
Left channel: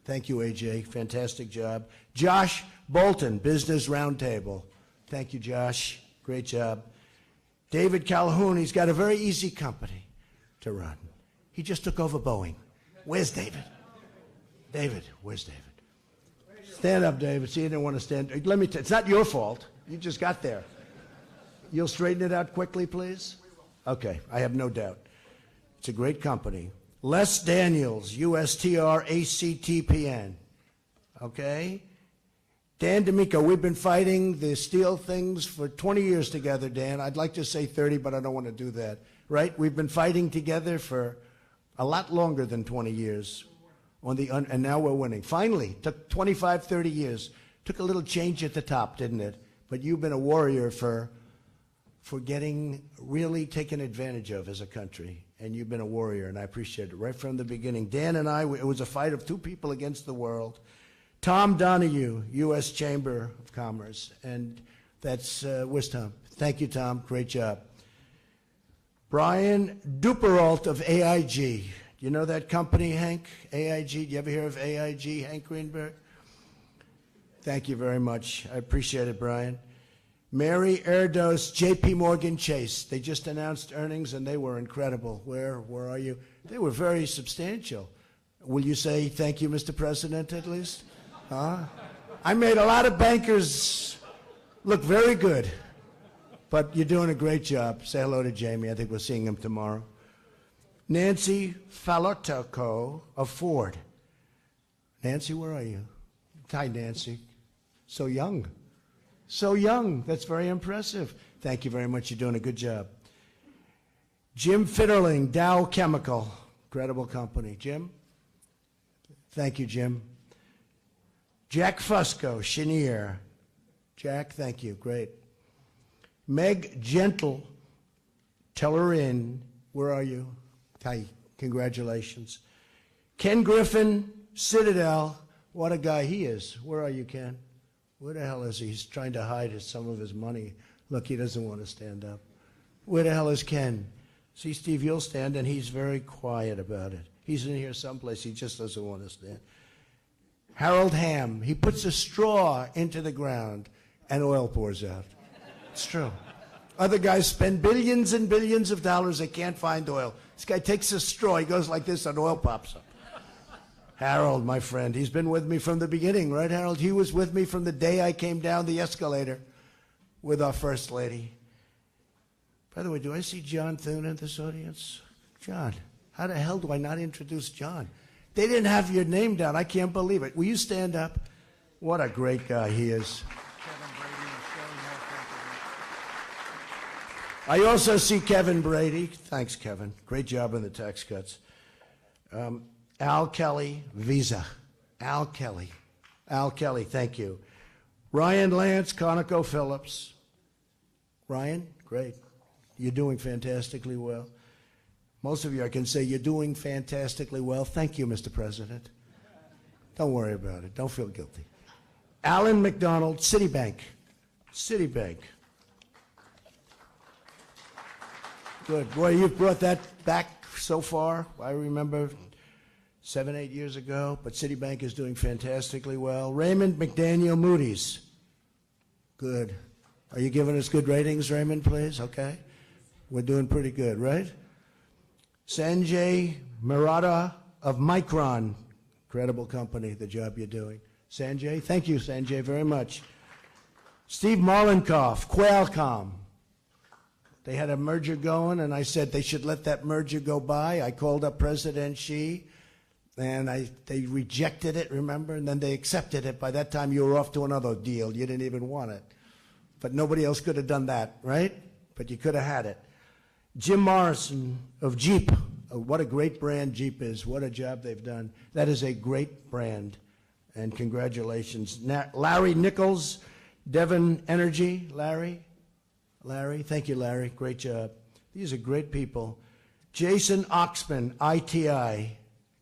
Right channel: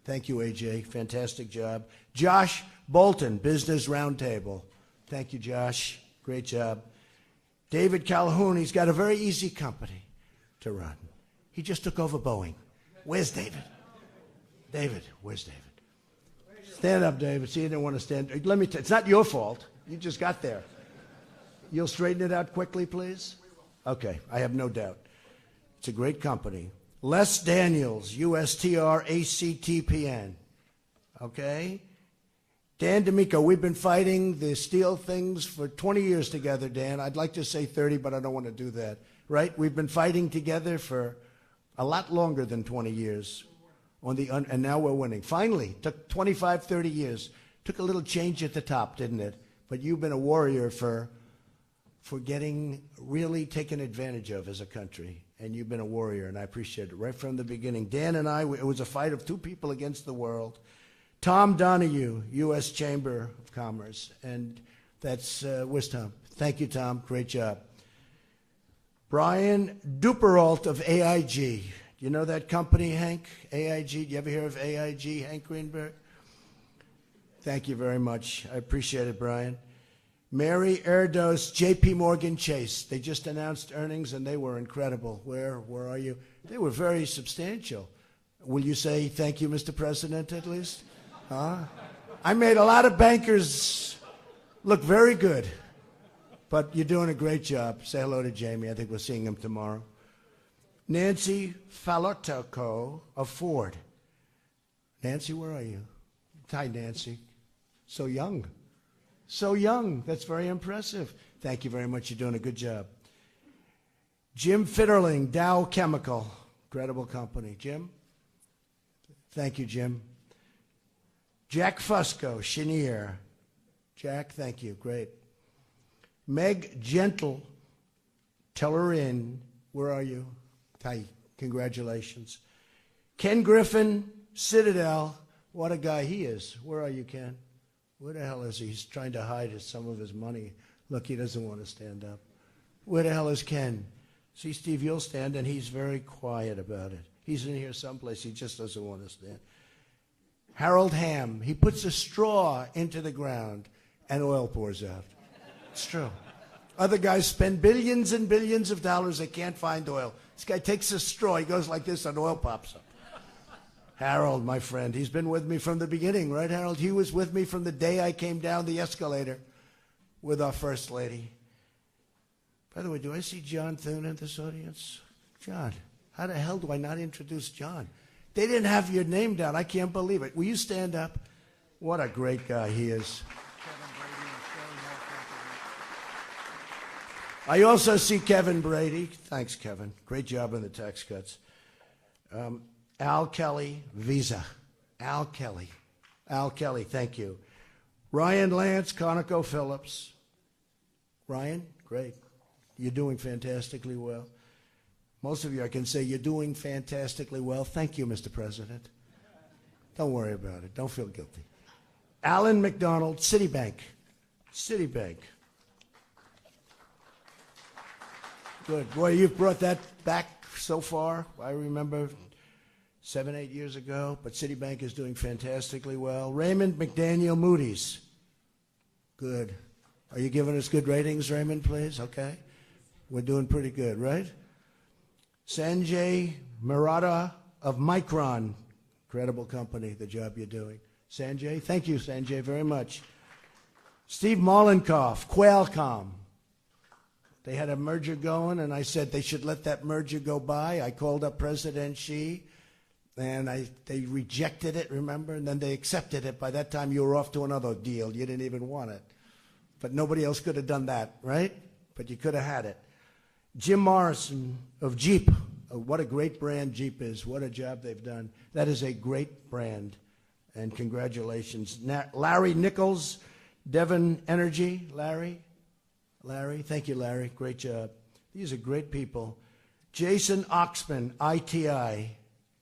Thank you, AJ. Fantastic job. Josh Bolton, Business Roundtable. Thank you, Josh. Great job. David Calhoun, he's got a very easy company to run. He just took over Boeing. Where's David? David, where's David? Stand up, David. See, you didn't want to stand. Let me tell you, it's not your fault. You just got there. You'll straighten it out quickly, please? Okay, I have no doubt. It's a great company. Les Daniels, USTRACTPN. Okay? Dan D'Amico, we've been fighting the steel things for 20 years together, Dan. I'd like to say 30, but I don't want to do that. Right? We've been fighting together for a lot longer than 20 years. And now we're winning. Finally, took 25, 30 years. Took a little change at the top, didn't it? But you've been a warrior for getting really taken advantage of as a country. And you've been a warrior, and I appreciate it right from the beginning. Dan and I, it was a fight of two people against the world. Tom Donahue, U.S. Chamber of Commerce, and that's where's Tom? Thank you, Tom. Great job. Brian Duperalt of AIG. You know that company, Hank? AIG. Do you ever hear of AIG, Hank Greenberg? Thank you very much. I appreciate it, Brian. Mary Erdos, J.P. Morgan Chase. They just announced earnings, and they were incredible. Where are you? They were very substantial. Will you say thank you, Mr. President, at least? Huh? I made a lot of bankers look very good, but you're doing a great job. Say hello to Jamie. I think we're seeing him tomorrow. Nancy Falotoko of Ford. Nancy, where are you? Hi, Nancy. So young. So young. That's very impressive. Thank you very much. You're doing a good job. Jim Fitterling, Dow Chemical. Incredible company. Jim? Thank you, Jim. Jack Fusco, Chenier. Jack, thank you. Great. Meg Gentle, Tellerin. Where are you? Hi. Congratulations. Ken Griffin, Citadel. What a guy he is. Where are you, Ken? Where the hell is he? He's trying to hide some of his money. Look, he doesn't want to stand up. Where the hell is Ken? See, Steve, you'll stand, and he's very quiet about it. He's in here someplace. He just doesn't want to stand. Harold Hamm, he puts a straw into the ground, and oil pours out. It's true. Other guys spend billions and billions of dollars. They can't find oil. This guy takes a straw. He goes like this, and oil pops up. Harold, my friend, he's been with me from the beginning, right, Harold? He was with me from the day I came down the escalator with our First Lady. By the way, do I see John Thune in this audience? John, how the hell do I not introduce John? They didn't have your name down. I can't believe it. Will you stand up? What a great guy he is. I also see Kevin Brady. Thanks, Kevin. Great job on the tax cuts. Al Kelly, Visa. Al Kelly, thank you. Ryan Lance, ConocoPhillips. Ryan, great. You're doing fantastically well. Most of you, I can say, you're doing fantastically well. Thank you, Mr. President. Don't worry about it. Don't feel guilty. Alan McDonald, Citibank. Good. Boy, you've brought that back so far. I remember 7, 8 years ago, but Citibank is doing fantastically well. Raymond McDaniel, Moody's. Good. Are you giving us good ratings, Raymond, please? Okay. We're doing pretty good, right? Sanjay Maratha of Micron. Incredible company, the job you're doing. Sanjay, thank you, Sanjay, very much. Steve Mollenkoff, Qualcomm. They had a merger going, and I said they should let that merger go by. I called up President Xi, And they rejected it, remember? And then they accepted it. By that time, you were off to another deal. You didn't even want it. But nobody else could have done that, right? But you could have had it. Jim Morrison of Jeep. What a great brand Jeep is. What a job they've done. That is a great brand. And congratulations. Larry Nichols, Devon Energy. Larry, thank you, Larry. Great job. These are great people. Jason Oxman, ITI.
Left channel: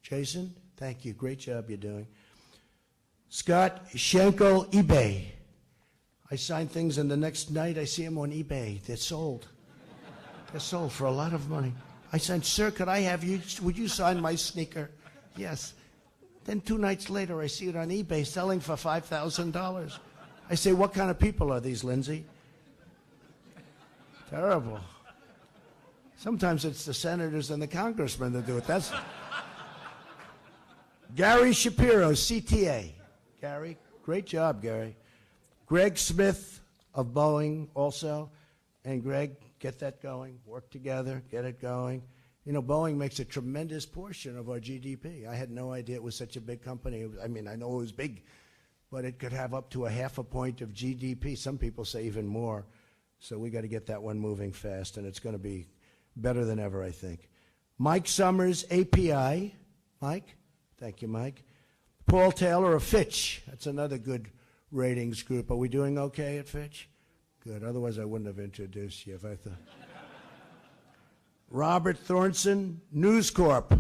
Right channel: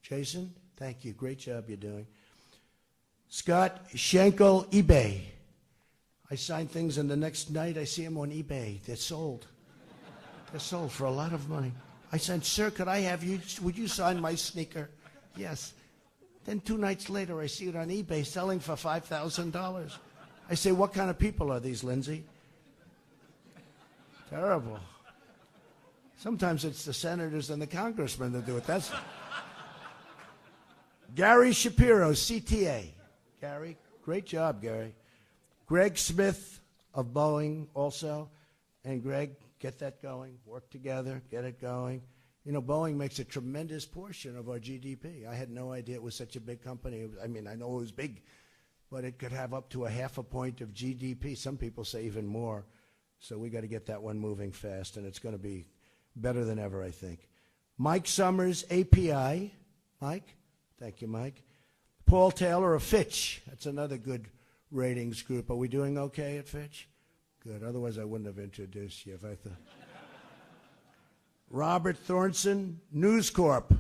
Jason, thank you. Great job you're doing. Scott Schenkel, eBay. I sign things, and the next night I see them on eBay. They're sold. They're sold for a lot of money. I said, sir, could I have you? Would you sign my sneaker? Yes. Then 2 nights later, I see it on eBay selling for $5,000. I say, what kind of people are these, Lindsay? Terrible. Sometimes it's the senators and the congressmen that do it. That's Gary Shapiro, CTA. Gary, great job, Gary. Greg Smith of Boeing also. And Greg, get that going. Work together, get it going. You know, Boeing makes a tremendous portion of our GDP. I had no idea it was such a big company. I mean, I know it was big, but it could have up to 0.5 point of GDP. Some people say even more. So we got to get that one moving fast, and it's going to be better than ever, I think. Mike Summers, API. Mike? Thank you, Mike. Paul Taylor of Fitch. That's another good ratings group. Are we doing okay at Fitch? Good. Otherwise, I wouldn't have introduced you if I thought. Robert Thornton, News Corp.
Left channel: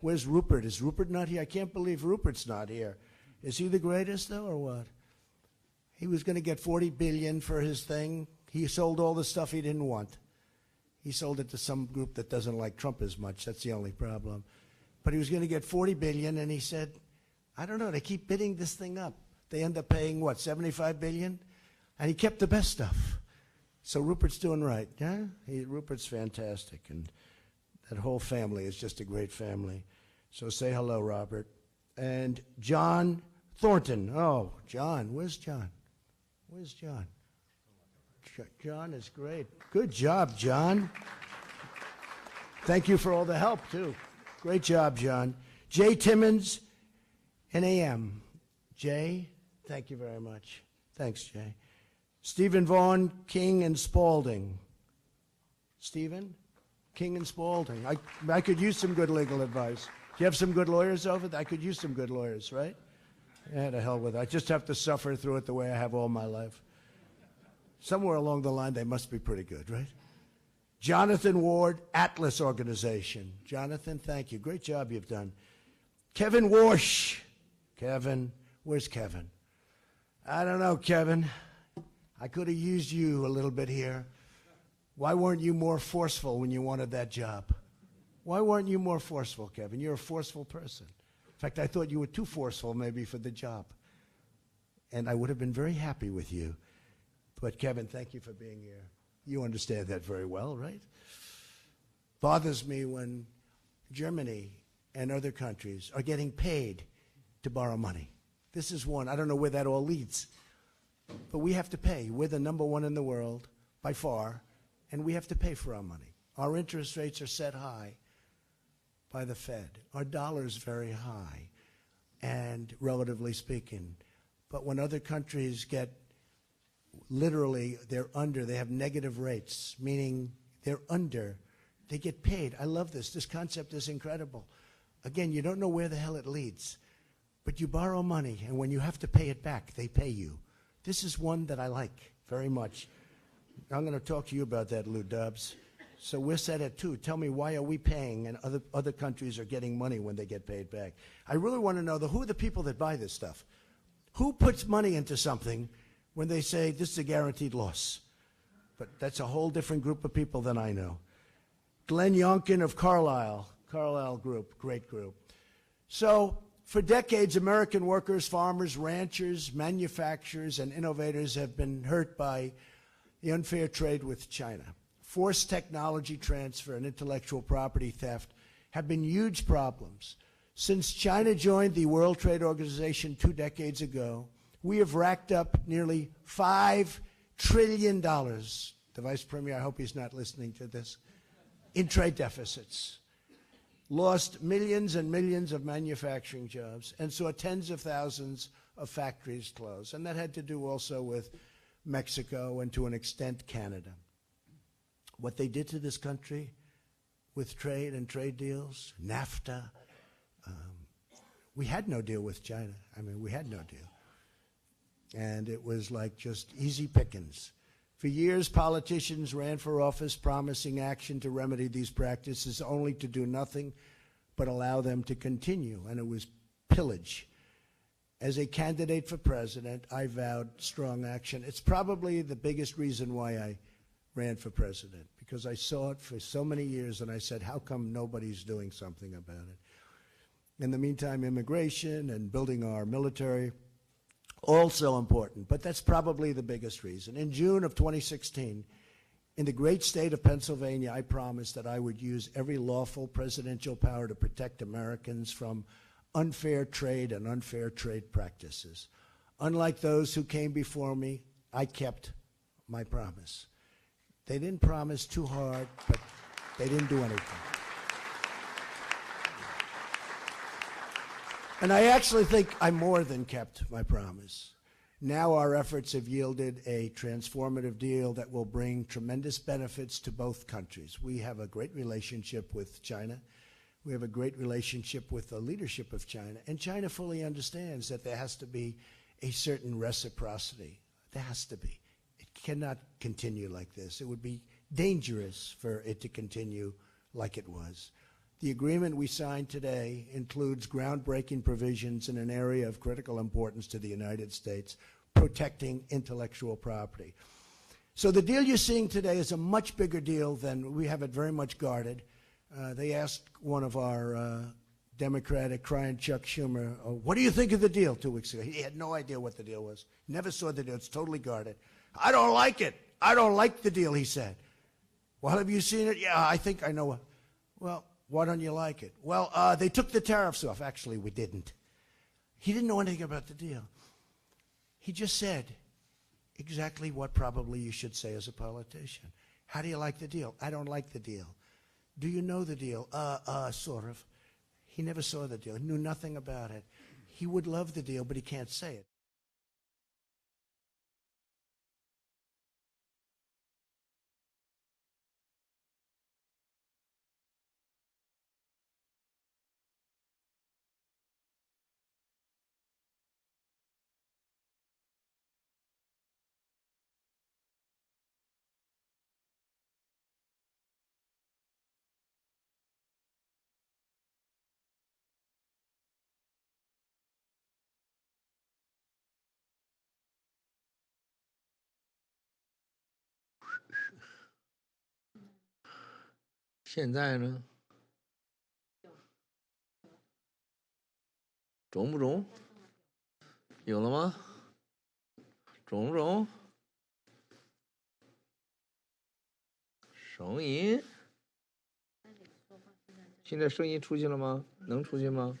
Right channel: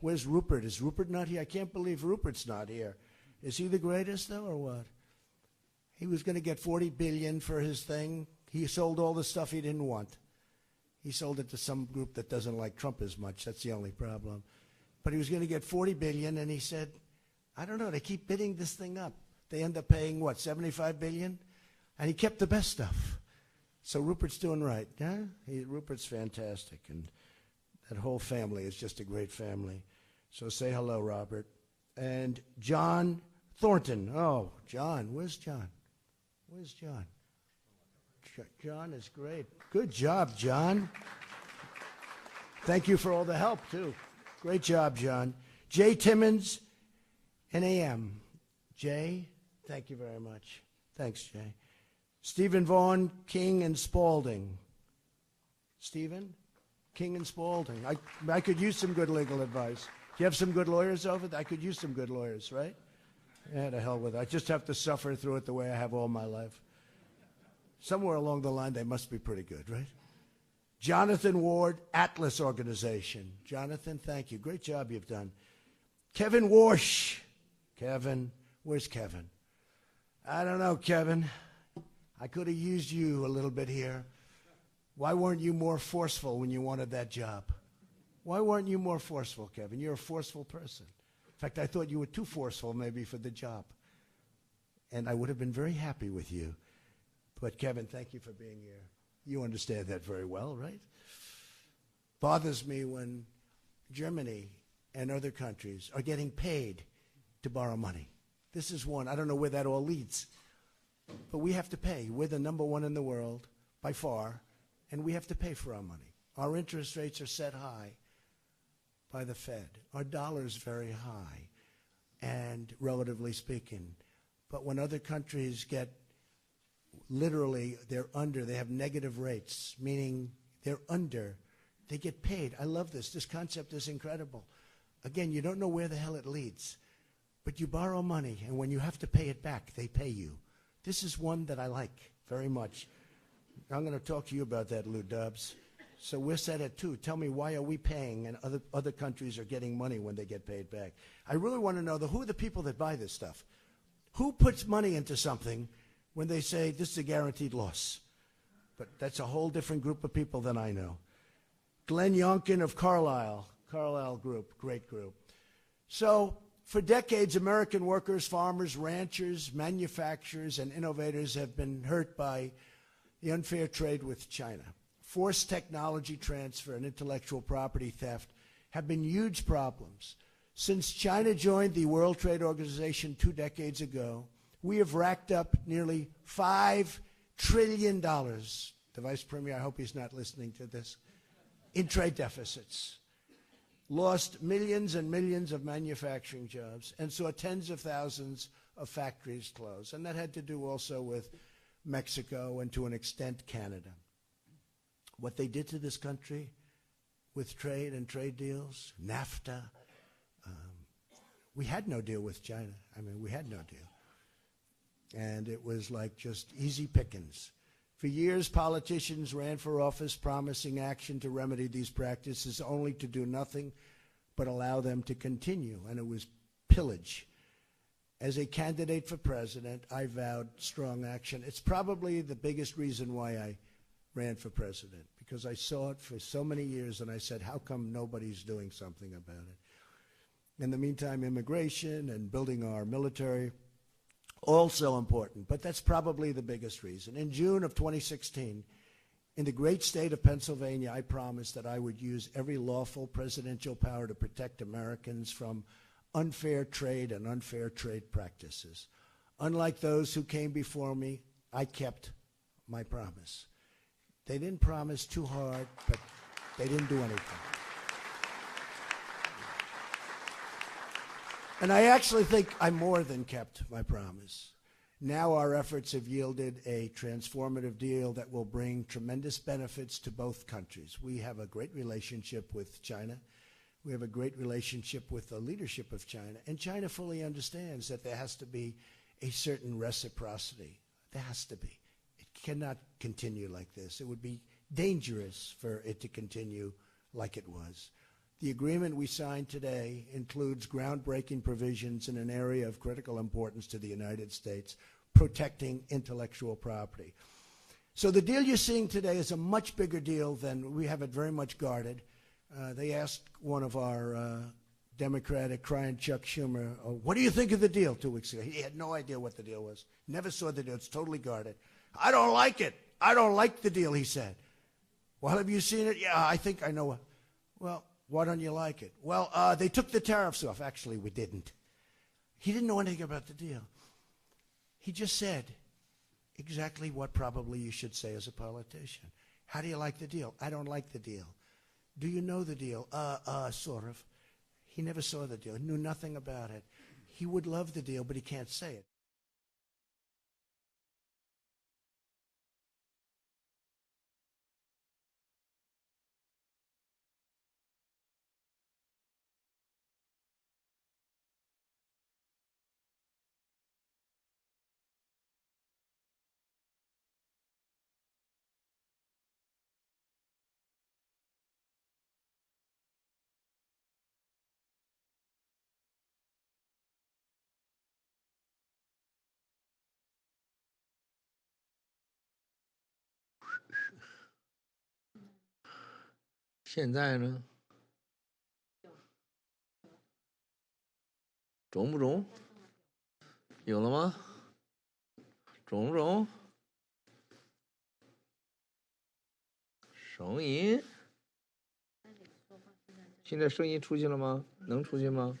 Where's Rupert? Is Rupert not here? I can't believe Rupert's not here. Is he the greatest, though, or what? He was going to get $40 billion for his thing. He sold all the stuff he didn't want. He sold it to some group that doesn't like Trump as much. That's the only problem. But he was going to get $40 billion, and he said, I don't know, they keep bidding this thing up. They end up paying, what, $75 billion? And he kept the best stuff. So Rupert's doing right, yeah? Rupert's fantastic, and that whole family is just a great family. So say hello, Robert. And John Thornton. Oh, John. Where's John? Where's John? John is great. Good job, John. Thank you for all the help, too. Great job, John. Jay Timmons, NAM. Jay, thank you very much. Thanks, Jay. Stephen Vaughn, King and Spalding. Stephen, King and Spalding. I could use some good legal advice. Do you have some good lawyers over there? I could use some good lawyers, right? Yeah, to hell with it. I just have to suffer through it the way I have all my life. Somewhere along the line, they must be pretty good, right? Jonathan Ward, Atlas Organization. Jonathan, thank you. Great job you've done. Kevin Warsh. Kevin, where's Kevin? I don't know, Kevin. I could have used you a little bit here. Why weren't you more forceful when you wanted that job? Why weren't you more forceful, Kevin? You're a forceful person. In fact, I thought you were too forceful maybe for the job. And I would have been very happy with you. But Kevin, thank you for being here. You understand that very well, right? Bothers me when Germany and other countries are getting paid to borrow money. This is one. I don't know where that all leads. But we have to pay. We're the #1 in the world, by far, and we have to pay for our money. Our interest rates are set high by the Fed. Our dollar is very high, and relatively speaking. But when other countries get literally, they have negative rates, meaning they're under, they get paid. I love this. This concept is incredible. Again, you don't know where the hell it leads, but you borrow money, and when you have to pay it back, they pay you. This is one that I like very much. I'm going to talk to you about that, Lou Dubs. So we're set at 2. Tell me, why are we paying and other countries are getting money when they get paid back? I really want to know, who are the people that buy this stuff? Who puts money into something when they say this is a guaranteed loss? But that's a whole different group of people than I know. Glenn Youngkin of Carlyle Group, great group. So for decades, American workers, farmers, ranchers, manufacturers, and innovators have been hurt by the unfair trade with China. Forced technology transfer and intellectual property theft have been huge problems. Since China joined the World Trade Organization 2 decades ago, we have racked up nearly $5 trillion. The Vice Premier, I hope he's not listening to this, in trade deficits. lost millions and millions of manufacturing jobs, and saw tens of thousands of factories close. And that had to do also with Mexico and to an extent Canada. What they did to this country with trade and trade deals, NAFTA, we had no deal with China. I mean, we had no deal. And it was like just easy pickings. For years, politicians ran for office promising action to remedy these practices, only to do nothing but allow them to continue, and it was pillage. As a candidate for president, I vowed strong action. It's probably the biggest reason why I ran for president, because I saw it for so many years, and I said, how come nobody's doing something about it? In the meantime, immigration and building our military, also important, but that's probably the biggest reason. In June of 2016, in the great state of Pennsylvania, I promised that I would use every lawful presidential power to protect Americans from unfair trade and unfair trade practices. Unlike those who came before me, I kept my promise. They didn't promise too hard, but they didn't do anything. And I actually think I more than kept my promise. Now our efforts have yielded a transformative deal that will bring tremendous benefits to both countries. We have a great relationship with China. We have a great relationship with the leadership of China. And China fully understands that there has to be a certain reciprocity. There has to be. It cannot continue like this. It would be dangerous for it to continue like it was. The agreement we signed today includes groundbreaking provisions in an area of critical importance to the United States, protecting intellectual property. So the deal you're seeing today is a much bigger deal than we have it very much guarded. They asked one of our Democratic crying Chuck Schumer, what do you think of the deal 2 weeks ago? He had no idea what the deal was. Never saw the deal. It's totally guarded. I don't like it. I don't like the deal, he said. Well, have you seen it? Yeah, I think I know. Well, why don't you like it? Well, they took the tariffs off. Actually, we didn't. He didn't know anything about the deal. He just said exactly what probably you should say as a politician. How do you like the deal? I don't like the deal. Do you know the deal? Sort of. He never saw the deal. He knew nothing about it. He would love the deal, but he can't say it.现在呢？中不中？有了吗？中不中？声音？现在声音出去了吗？能出去吗？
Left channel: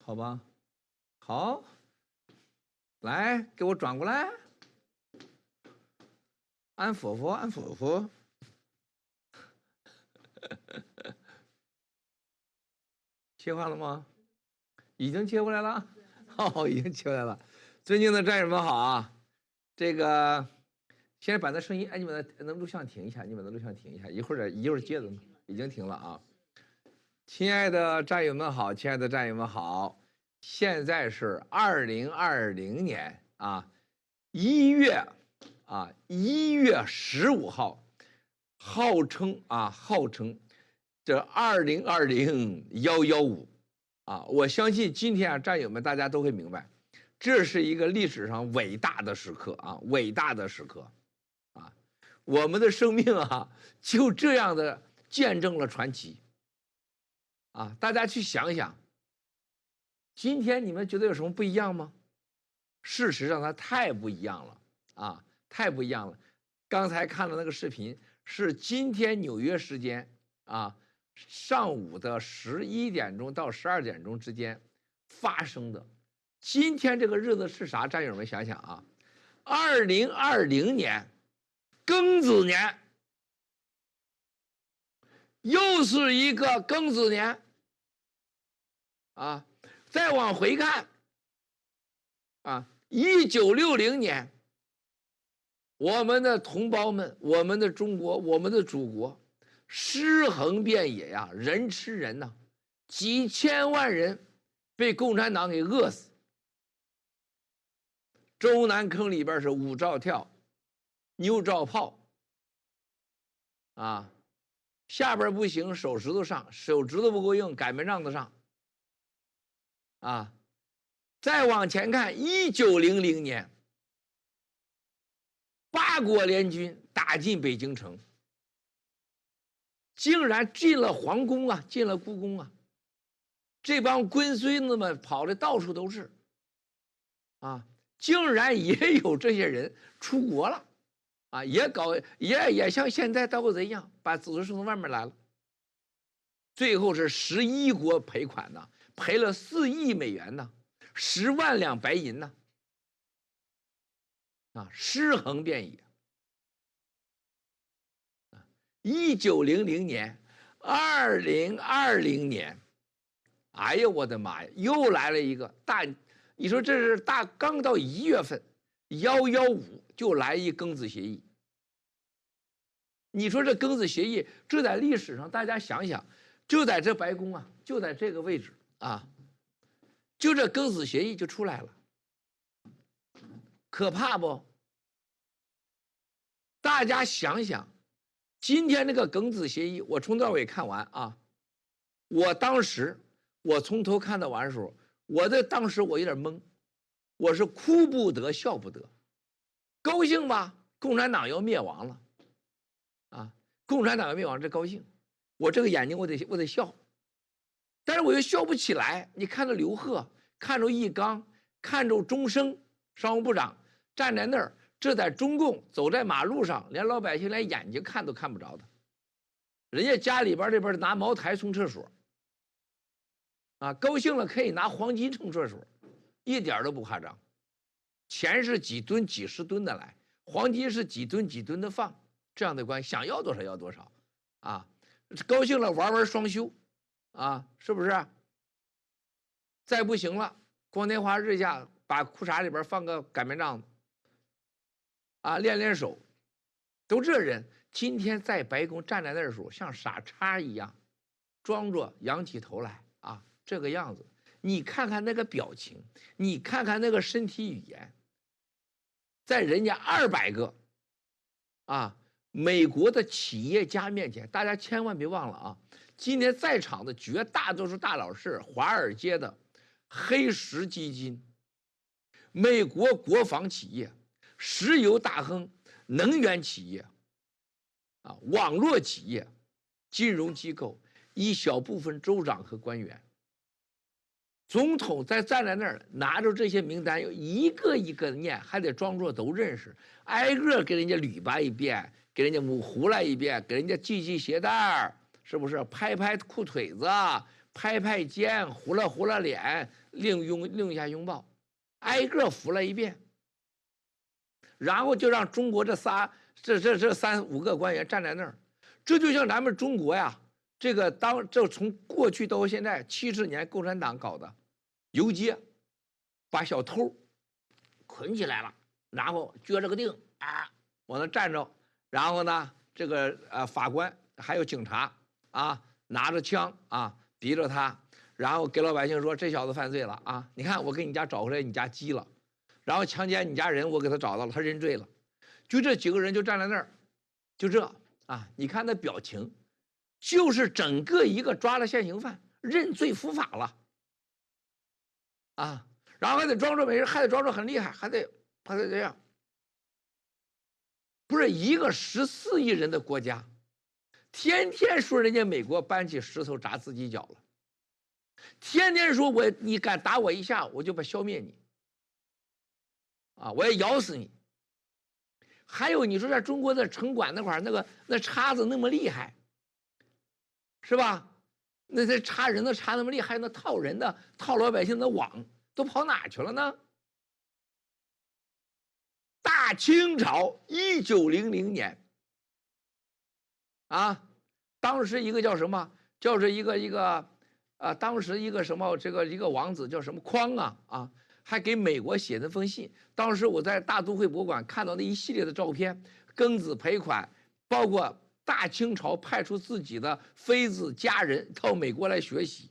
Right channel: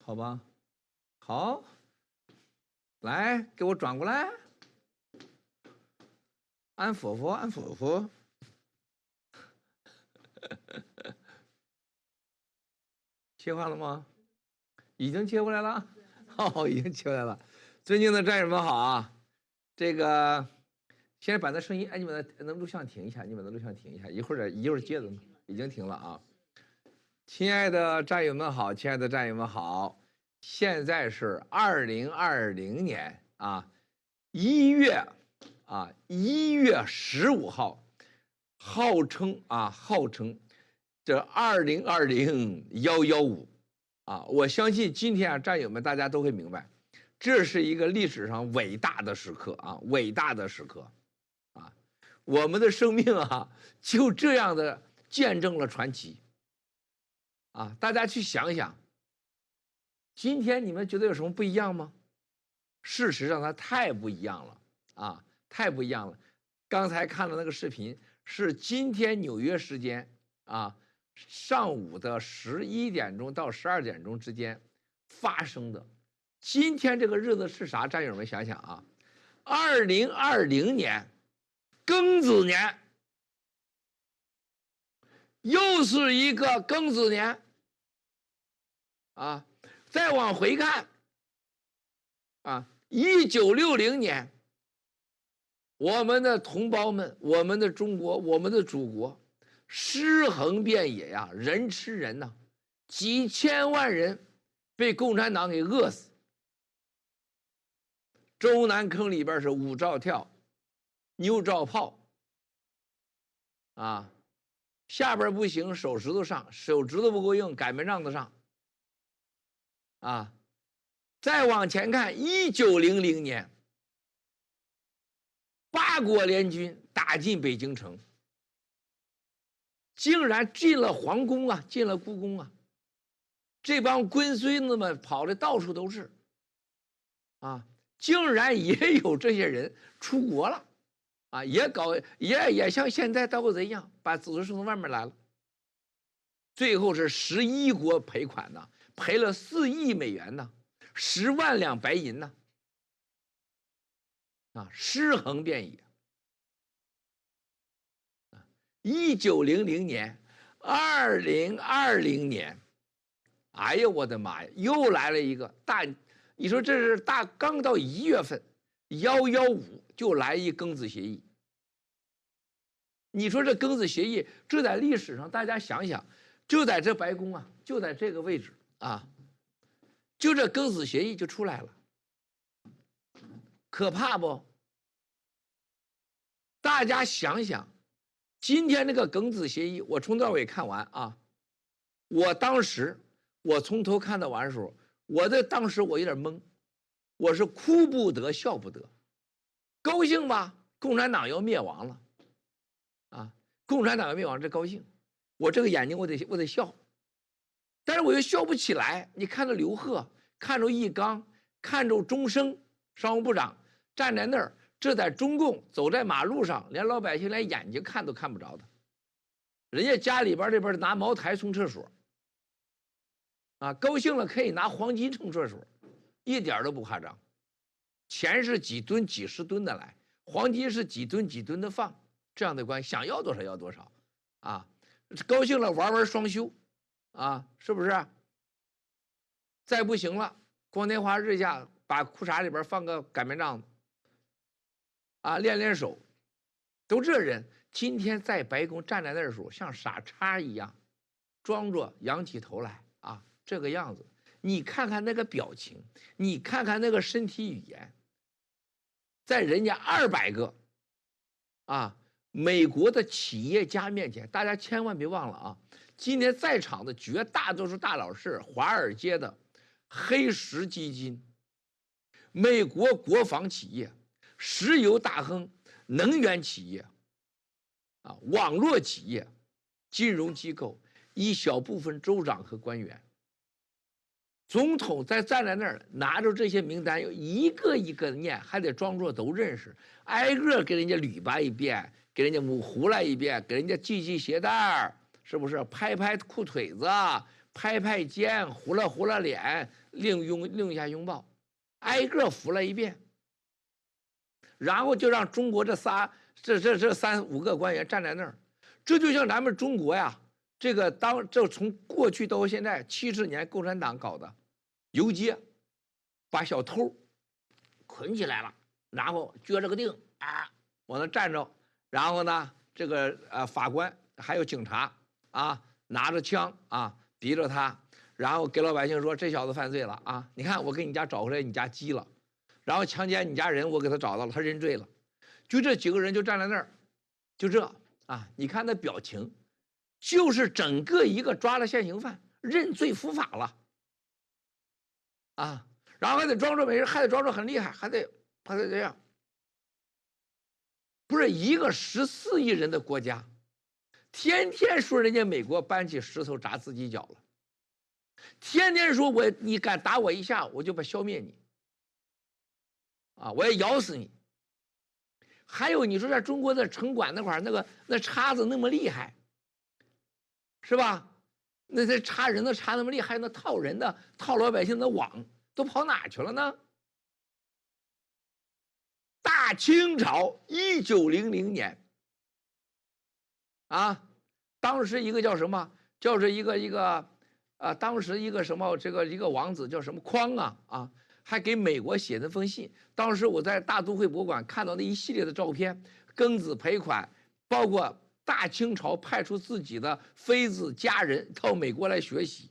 好吧，好，来，给我转过来。安佛佛，安佛佛。切换了吗？已经切过来了。哦，已经切过来了。尊敬的战友们好啊！这个现在把那声音，哎，你把那录像停一下，你把那录像停一下，一会儿接着，已经停了啊。亲爱的战友们好，亲爱的战友们好，现在是2020年啊1月15号，号称这2020-115啊，我相信今天战友们大家都会明白，这是一个历史上伟大的时刻啊，伟大的时刻啊，我们的生命啊就这样的见证了传奇啊，大家去想一想，今天你们觉得有什么不一样吗？事实上它太不一样了啊，太不一样了。刚才看的那个视频是今天纽约时间啊上午的11点钟到12点钟之间发生的。今天这个日子是啥？战友们想想啊，2020年庚子年又是一个庚子年啊。再往回看啊，1960年，我们的同胞们，我们的中国，我们的祖国，尸横遍野呀，人吃人呐，几千万人被共产党给饿死。中南坑里边是5照跳，9照炮啊，下边不行，手指头上，手指头不够硬，擀面杖子上啊。再往前看，1900年，8国联军打进北京城，竟然进了皇宫啊，进了故宫啊，这帮龟孙子们跑的到处都是啊，竟然也有这些人出国了啊，也像现在盗贼一样，把子孙送到外面来了。最后是11国赔款呢，赔了4亿美元呢，10万两白银呢，啊，尸横遍野。1900年，2020年，哎呀，我的妈呀，又来了一个大，你说这是刚到1月份，115就来一庚子协议。你说这庚子协议，这在历史上大家想想，就在这白宫啊，就在这个位置啊，就这庚子协议就出来了，可怕不？大家想想，今天这个庚子协议，我从头到尾看完啊，我当时我从头看到完的时候，当时我有点懵，我是哭不得笑不得，高兴吧，共产党要灭亡了，啊，共产党要灭亡，这高兴，我这个眼睛我得笑，但是我又笑不起来。你看着刘鹤，看着易纲，看着钟声商务部长站在那儿，这在中共走在马路上，连老百姓连眼睛看都看不着的，人家家里边这边拿茅台冲厕所，啊，高兴了可以拿黄金冲厕所，一点都不夸张。钱是几吨几十吨的来，黄金是几吨几吨的放，这样的关系，想要多少要多少，啊，高兴了玩双休，啊，是不是？再不行了，光天化日下把裤衩里边放个擀面杖子，啊，练手，都这人今天在白宫站在那儿的时候，像傻叉一样，装着仰起头来啊，这个样子。你看看那个表情，你看看那个身体语言，在人家200个啊美国的企业家面前，大家千万别忘了啊，今天在场的绝大多数大佬是华尔街的黑石基金、美国国防企业、石油大亨、能源企业啊、网络企业、金融机构，一小部分州长和官员。总统站在那儿，拿着这些名单，一个一个的念，还得装作都认识，挨个给人家捋巴一遍，给人家胡来一遍，给人家系鞋带，是不是？拍拍裤腿子，拍拍肩，糊了脸，另一下拥抱，挨个扶了一遍，然后就让中国这3、5个官员站在那儿，这就像咱们中国呀。这从过去到现在70年，共产党搞的游街，把小偷捆起来了，然后撅着个腚啊，往那站着，然后呢，这个法官还有警察啊，拿着枪啊，逼着他，然后给老百姓说这小子犯罪了啊，你看我给你家找回来，你家鸡了，然后强奸你家人，我给他找到了，他认罪了，就这几个人就站在那儿，就这啊，你看那表情。就是整个一个抓了现行犯，认罪伏法了，啊，然后还得装作没事，还得装作很厉害，还得这样。不是一个14亿人的国家，天天说人家美国搬起石头砸自己脚了，天天说你敢打我一下，我就消灭你，啊，我要咬死你。还有你说在中国的城管那块儿，那叉子那么厉害。是吧？那些插人的插那么厉害，那套人的套老百姓的网都跑哪去了呢？大清朝1900年啊，当时一个叫什么，叫是当时一个什么一个王子叫什么匡啊，还给美国写那封信。当时我在大都会博物馆看到那一系列的照片，庚子赔款，包括大清朝派出自己的妃子家人到美国来学习。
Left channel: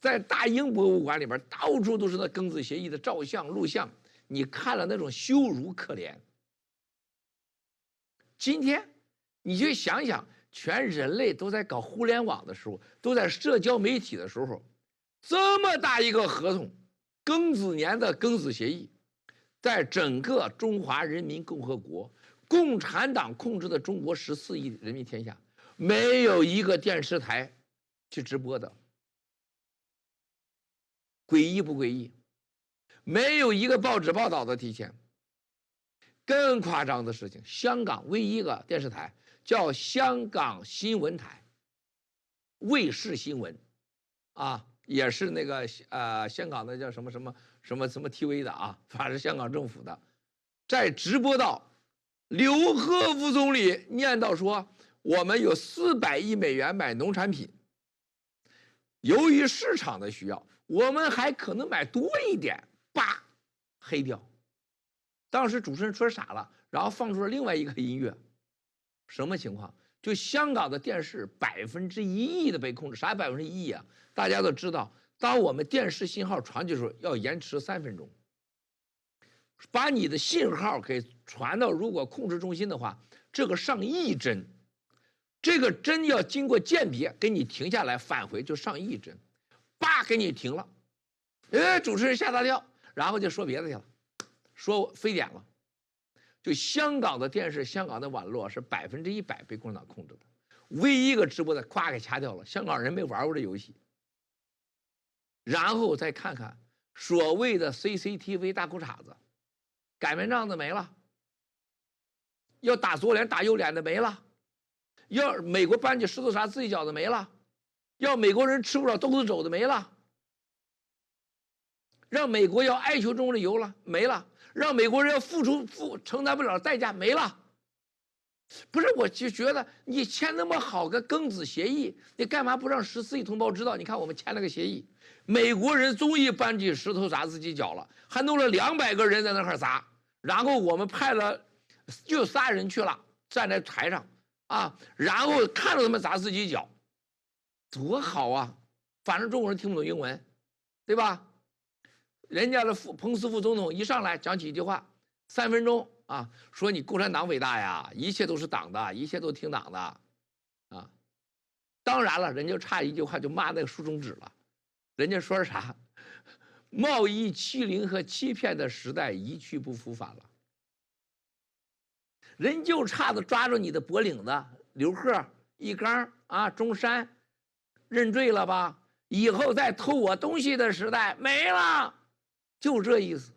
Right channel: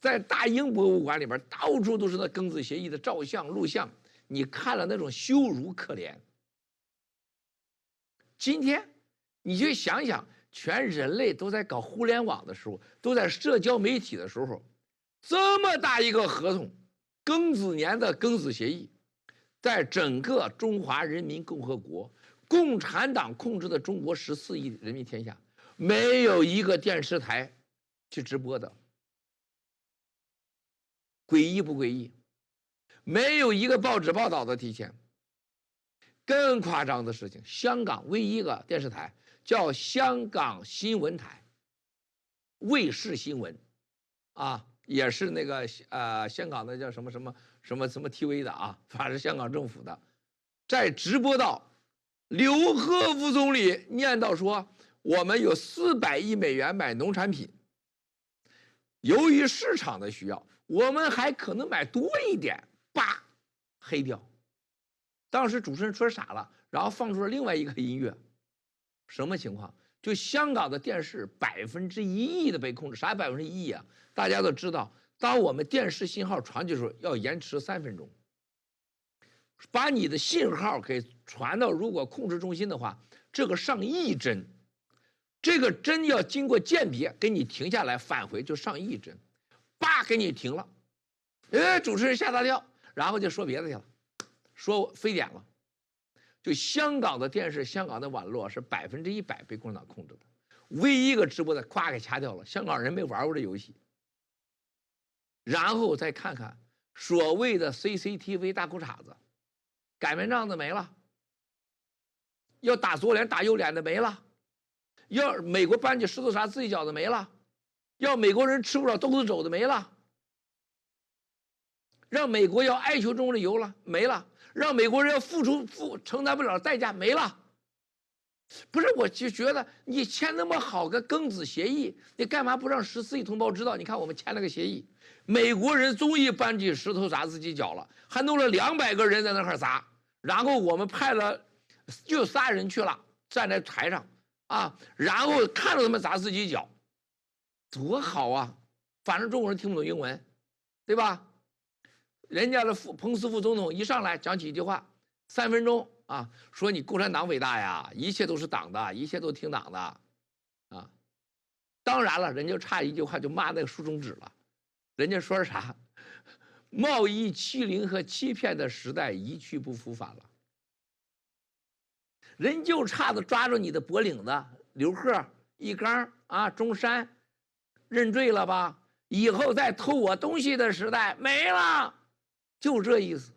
在大英博物馆里边，到处都是那庚子协议的照相录像，你看了那种羞辱可怜。今天你就想想，全人类都在搞互联网的时候，都在社交媒体的时候，这么大一个合同，庚子年的庚子协议，在整个中华人民共和国共产党控制的中国14亿人民天下，没有一个电视台去直播的。诡异不诡异？没有一个报纸报道的提前。更夸张的事情，香港唯一一个电视台叫香港新闻台，卫视新闻，也是那个香港的叫什么 TV 的啊，反正是香港政府的，在直播到刘鹤副总理念叨说，我们有400亿美元买农产品，由于市场的需要，我们还可能买多一点，叭，黑掉。当时主持人说傻了，然后放出了另外一个音乐，什么情况？就香港的电视1%亿的被控制，啥1%亿啊？大家都知道，当我们电视信号传去的时候，要延迟3分钟，把你的信号给传到如果控制中心的话，这个上亿帧，这个针要经过鉴别，给你停下来返回就上亿帧，叭给你停了，主持人吓大跳，然后就说别的去了，说非典了。就香港的电视、香港的网络是100%被共产党控制的，唯一一个直播的咵给掐掉了，香港人没玩过这游戏。然后再看看所谓的 CCTV 大裤衩子，擀面杖子没了，要打左脸打右脸的没了，要美国搬起石头砸自己脚的没了，要美国人吃不了兜着走的没了，让美国要哀求中的油了没了，让美国人要承担不了代价没了。不是，我就觉得你签那么好个庚子协议，你干嘛不让14亿同胞知道？你看我们签了个协议，美国人终于搬起石头砸自己脚了，还弄了200个人在那块砸，然后我们派了就3人去了，站在台上然后看着他们砸自己脚，多好啊！反正中国人听不懂英文，对吧？人家的彭斯副总统一上来讲几句话，3分钟说你共产党伟大呀，一切都是党的，一切都听党的当然了，人家差一句话就骂那个竖中指了，人家说啥？贸易欺凌和欺骗的时代一去不复返了。人就差的抓住你的脖领子，刘鹤、一刚中山，认罪了吧？以后再偷我东西的时代没了，就这意思。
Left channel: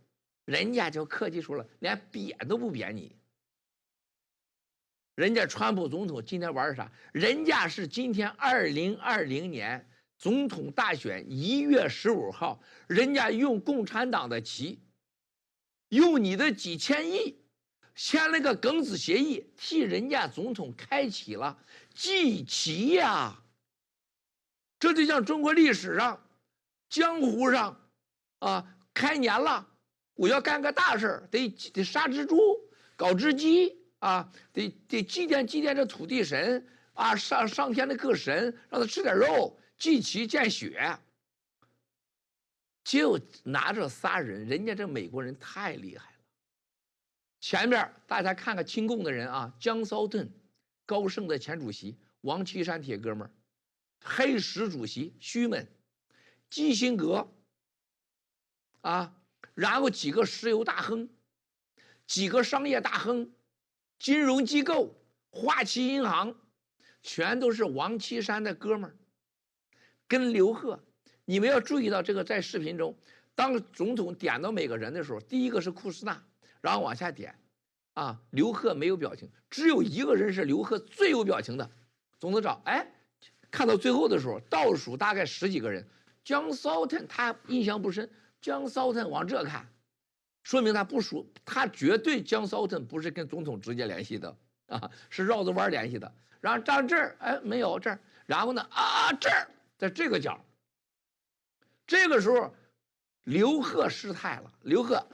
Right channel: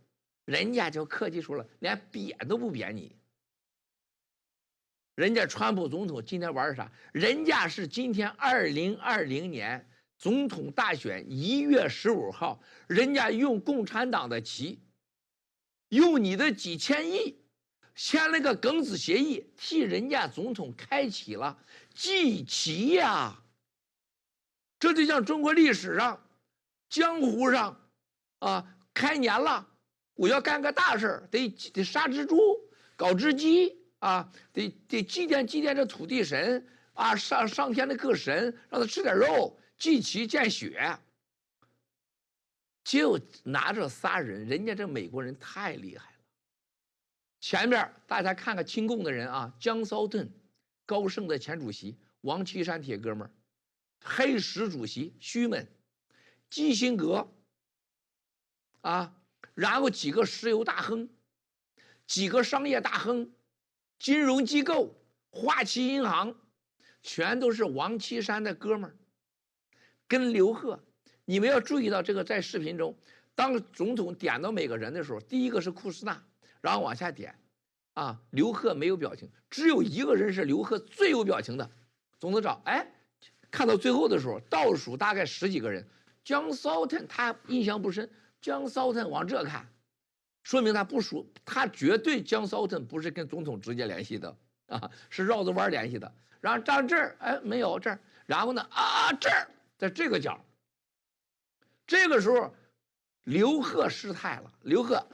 人家就客气说了，连贬都不贬你。人家川普总统今天玩啥？人家是今天2020年总统大选1月15号，人家用共产党的旗，用你的几千亿签了个庚子协议，替人家总统开启了祭旗呀。这就像中国历史上江湖上开年了，我要干个大事，得杀只猪，搞只鸡得祭奠这土地神上天的各神，让他吃点肉，祭旗见血。就拿着仨人，人家这美国人太厉害了。前面大家看看亲共的人江骚顿，高盛的前主席，王岐山铁哥们儿，黑石主席徐们，基辛格然后几个石油大亨，几个商业大亨，金融机构，花旗银行，全都是王岐山的哥们儿，跟刘鹤。你们要注意到这个，在视频中，当总统点到每个人的时候，第一个是库斯纳，然后往下点刘鹤没有表情，只有一个人是刘鹤最有表情的，总统长看到最后的时候，倒数大概10几个人，江骚顿他印象不深，江骚顿往这看，说明他不熟，他绝对江骚顿不是跟总统直接联系的啊，是绕着弯联系的。然后站这儿，哎，没有这儿，然后呢，啊，这儿在这个角。这个时候，刘贺失态了。刘贺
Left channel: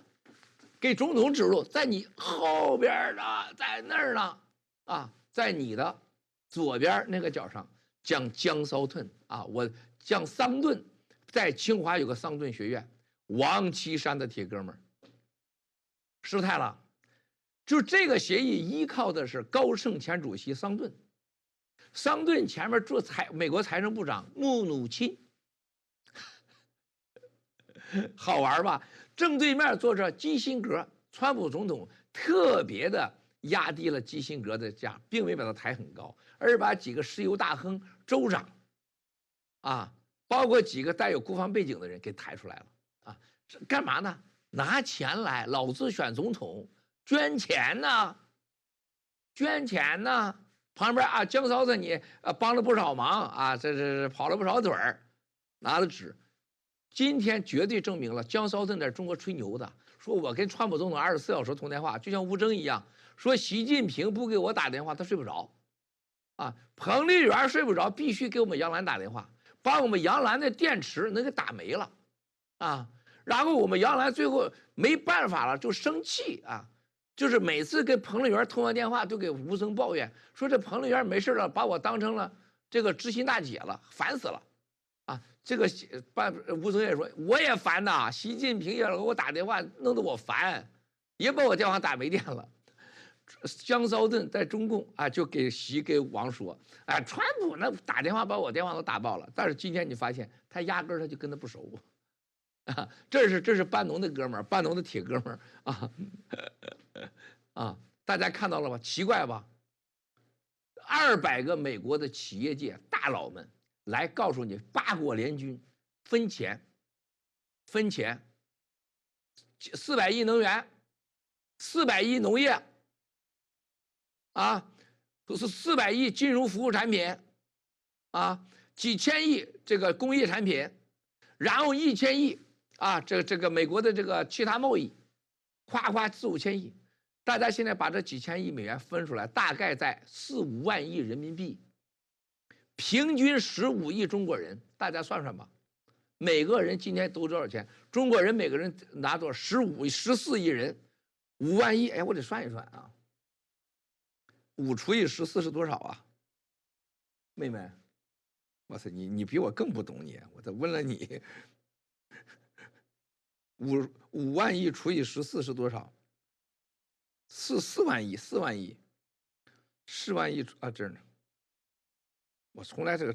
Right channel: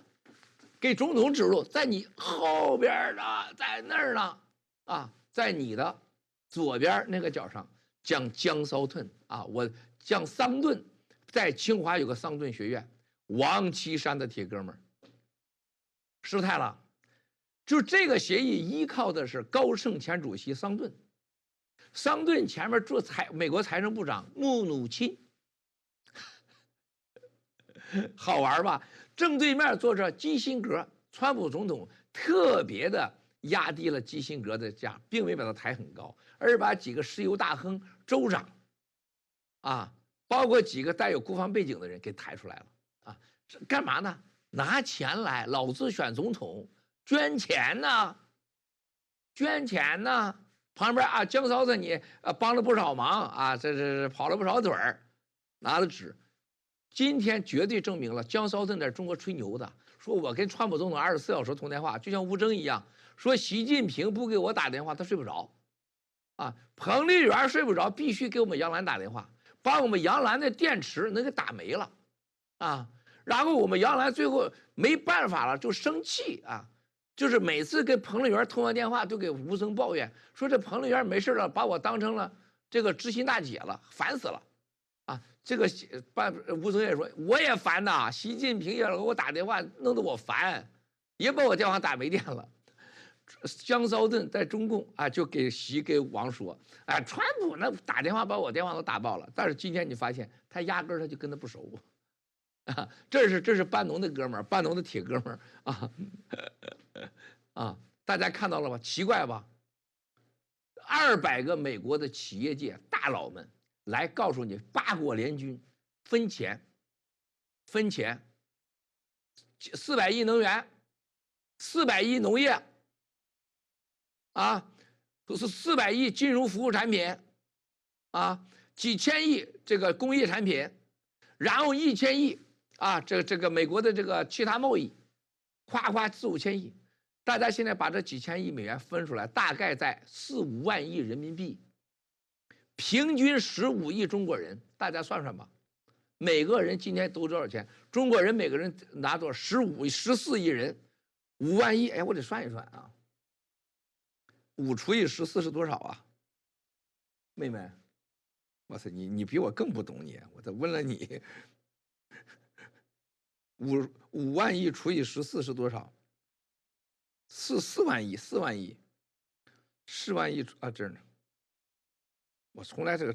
给总统指路，在你后边呢，在那儿呢，啊，在你的左边那个角上，讲江骚顿啊，我讲桑顿，在清华有个桑顿学院，王岐山的铁哥们儿，失态了。就这个协议依靠的是高盛前主席桑顿，桑顿前面做美国财政部长穆努钦。好玩吧？正对面坐着基辛格，川普总统特别的压低了基辛格的价，并没把他抬很高，而把几个石油大亨、州长，啊，包括几个带有国防背景的人给抬出来了啊！干嘛呢？拿钱来，老子选总统，捐钱呢，捐钱呢。旁边啊，江嫂子你帮了不少忙啊，这跑了不少腿儿，拿的纸。今天绝对证明了江骚顿在中国吹牛的，说我跟川普总统24小时通电话，就像吴征一样，说习近平不给我打电话他睡不着，啊，彭丽媛睡不着，必须给我们杨澜打电话，把我们杨澜的电池能给打没了，啊，然后我们杨澜最后没办法了就生气啊，就是每次跟彭丽媛通完电话都给吴征抱怨，说这彭丽媛没事了，把我当成了这个知心大姐了，烦死了。这个吴征也说，我也烦呐，习近平也给我打电话，弄得我烦，也把我电话打没电了。江骚顿在中共啊，就给王说，哎，川普那打电话把我电话都打爆了。但是今天你发现他压根他就跟他不熟啊，这是班农的哥们儿，班农的铁哥们儿啊啊，大家看到了吧？奇怪吧？200个美国的企业界大佬们。来告诉你，8国联军分钱，400亿能源，400亿农业，啊，400亿金融服务产品，啊，几千亿这个工业产品，然后1000亿啊，这个美国的这个其他贸易，夸夸4、5千亿，大家现在把这几千亿美元分出来，大概在4、5万亿人民币。平均15亿中国人，大家算算吧，每个人今天都多少钱？中国人每个人拿多少？14亿人，5万亿。哎，我得算一算啊，5除以14是多少啊？妹妹，哇塞，你比我更不懂你，我再问了你，5万亿除以14是多少？4万亿，4万亿，4万亿啊，这儿呢。我从来这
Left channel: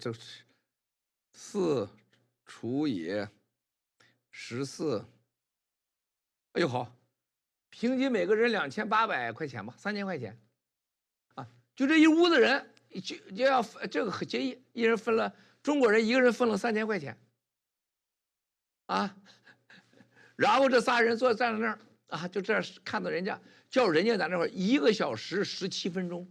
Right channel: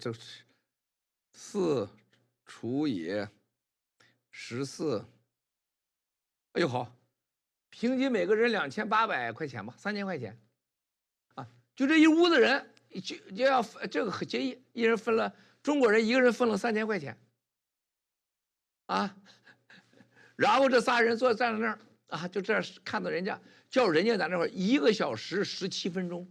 4除以14，哎呦好，平均每个人2800块钱吧，3000块钱，啊，就这一屋子人就要这个协议，一人分了，中国人一个人分了3000块钱，啊，然后这仨人站在那儿啊，就这样看到人家叫人家在那会儿1个小时17分钟，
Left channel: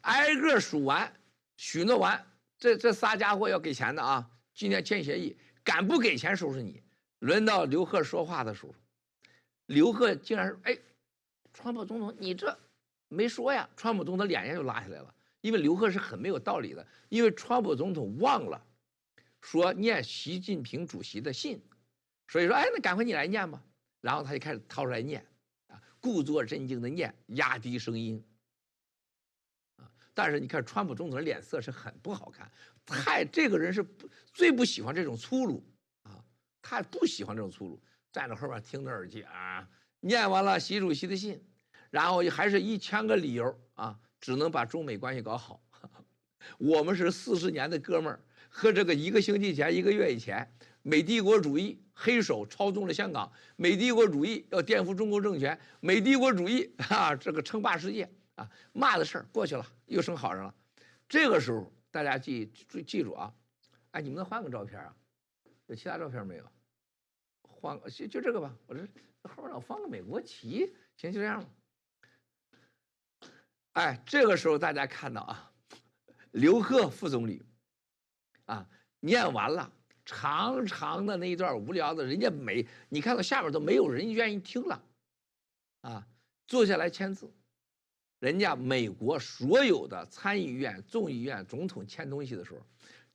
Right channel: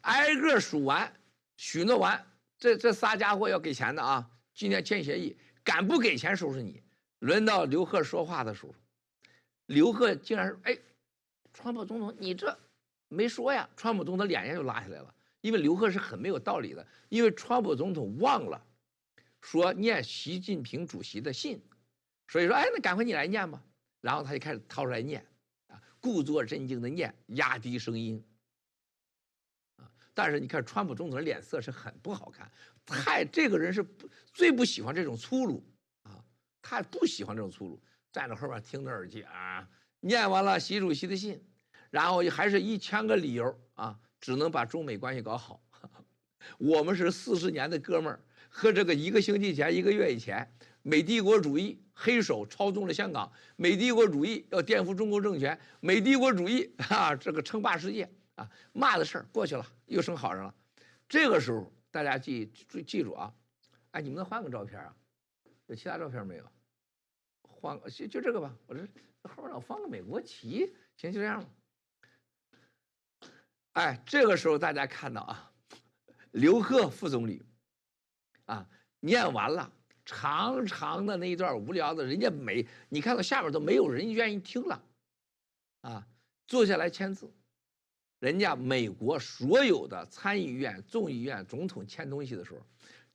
挨个数完许诺完。这仨家伙要给钱的啊！今天签协议，敢不给钱收拾你。轮到刘贺说话的时候，刘贺竟然说：“哎，川普总统，你这没说呀！”川普总统脸就拉下来了，因为刘贺是很没有道理的，因为川普总统忘了说念习近平主席的信，所以说：“哎，那赶快你来念吧。”然后他就开始掏出来念，啊，故作镇静的念，压低声音。但是你看，川普总统的脸色是很不好看，这个人是最不喜欢这种粗鲁啊，他不喜欢这种粗鲁，站在后边听着耳机啊，念完了习主席的信，然后还是1000个理由啊，只能把中美关系搞好。我们是40年的哥们儿，和这个1个星期前、1个月以前，美帝国主义黑手操纵了香港，美帝国主义要颠覆中国政权，美帝国主义啊，这个称霸世界。啊，骂的事儿过去了，又成好人了。这个时候大家记住啊，哎，你们能换个照片啊？有其他照片没有？换个就这个吧。我这后面老放个美国旗，行，就这样吧。哎，这个时候大家看到啊，刘贺副总理啊念完了长长的那一段无聊的，人家你看到下面都没有人愿意听了，啊，坐下来签字。人家美国所有的参议院、众议院总统签东西的时候，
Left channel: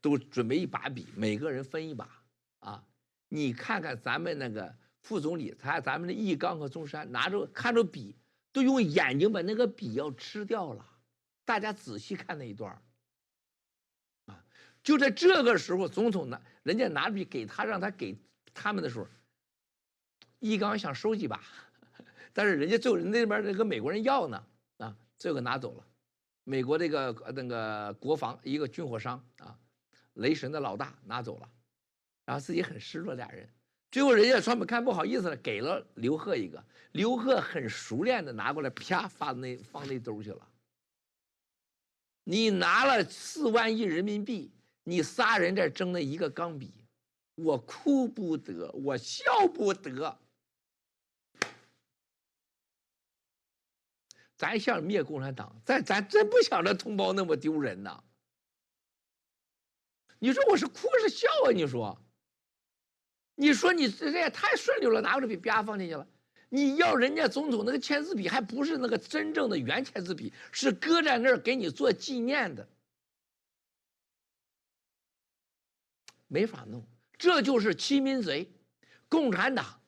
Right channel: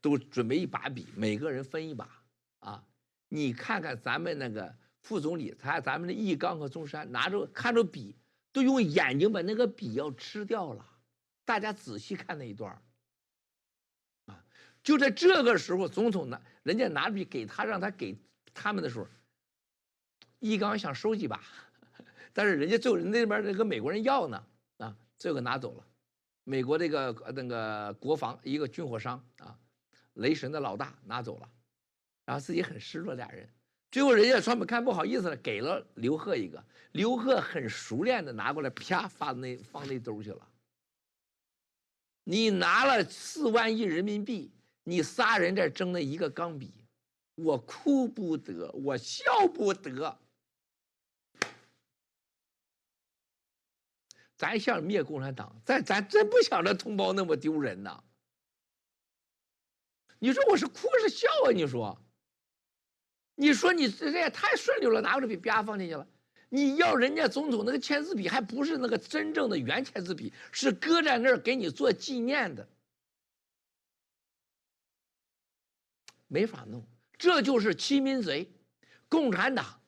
都准备一把笔，每个人分一把啊。你看看咱们那个副总理，咱们的易纲和中山看着笔，都用眼睛把那个笔要吃掉了。大家仔细看那一段啊，就在这个时候，总统人家拿笔给他，让他给他们的时候，易纲想收几把，但是人家最后那边那个美国人要呢啊，最后拿走了。美国那个国防一个军火商啊，雷神的老大拿走了。然后自己很失落，俩人最后人家川普看不好意思了，给了刘贺一个，刘贺很熟练的拿过来，啪放那兜去了。你拿了4万亿人民币，你仨人在争那一个钢笔，我哭不得，我笑不得。咱想灭共产党，咱真不想着同胞那么丢人呐。你说我是哭是笑啊？你说你这也太顺溜了，拿过来笔啪放进去了。你要人家总统那个签字笔，还不是那个真正的原签字笔，是搁在那儿给你做纪念的，没法弄。这就是欺民贼。共产党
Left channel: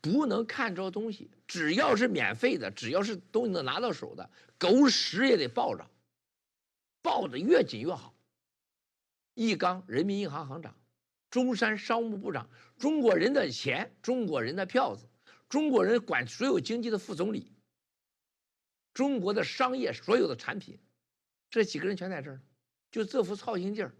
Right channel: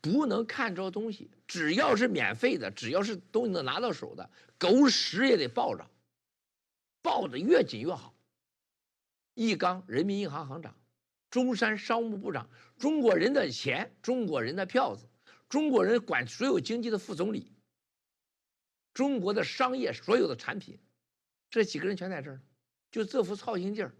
不能看着东西，只要是免费的，只要是东西能拿到手的，狗屎也得抱着，抱得越紧越好。易纲人民银行行长，中山商务部长，中国人的钱，中国人的票子，中国人管所有经济的副总理，中国的商业所有的产品，这几个人全在这儿，就这副操心劲儿。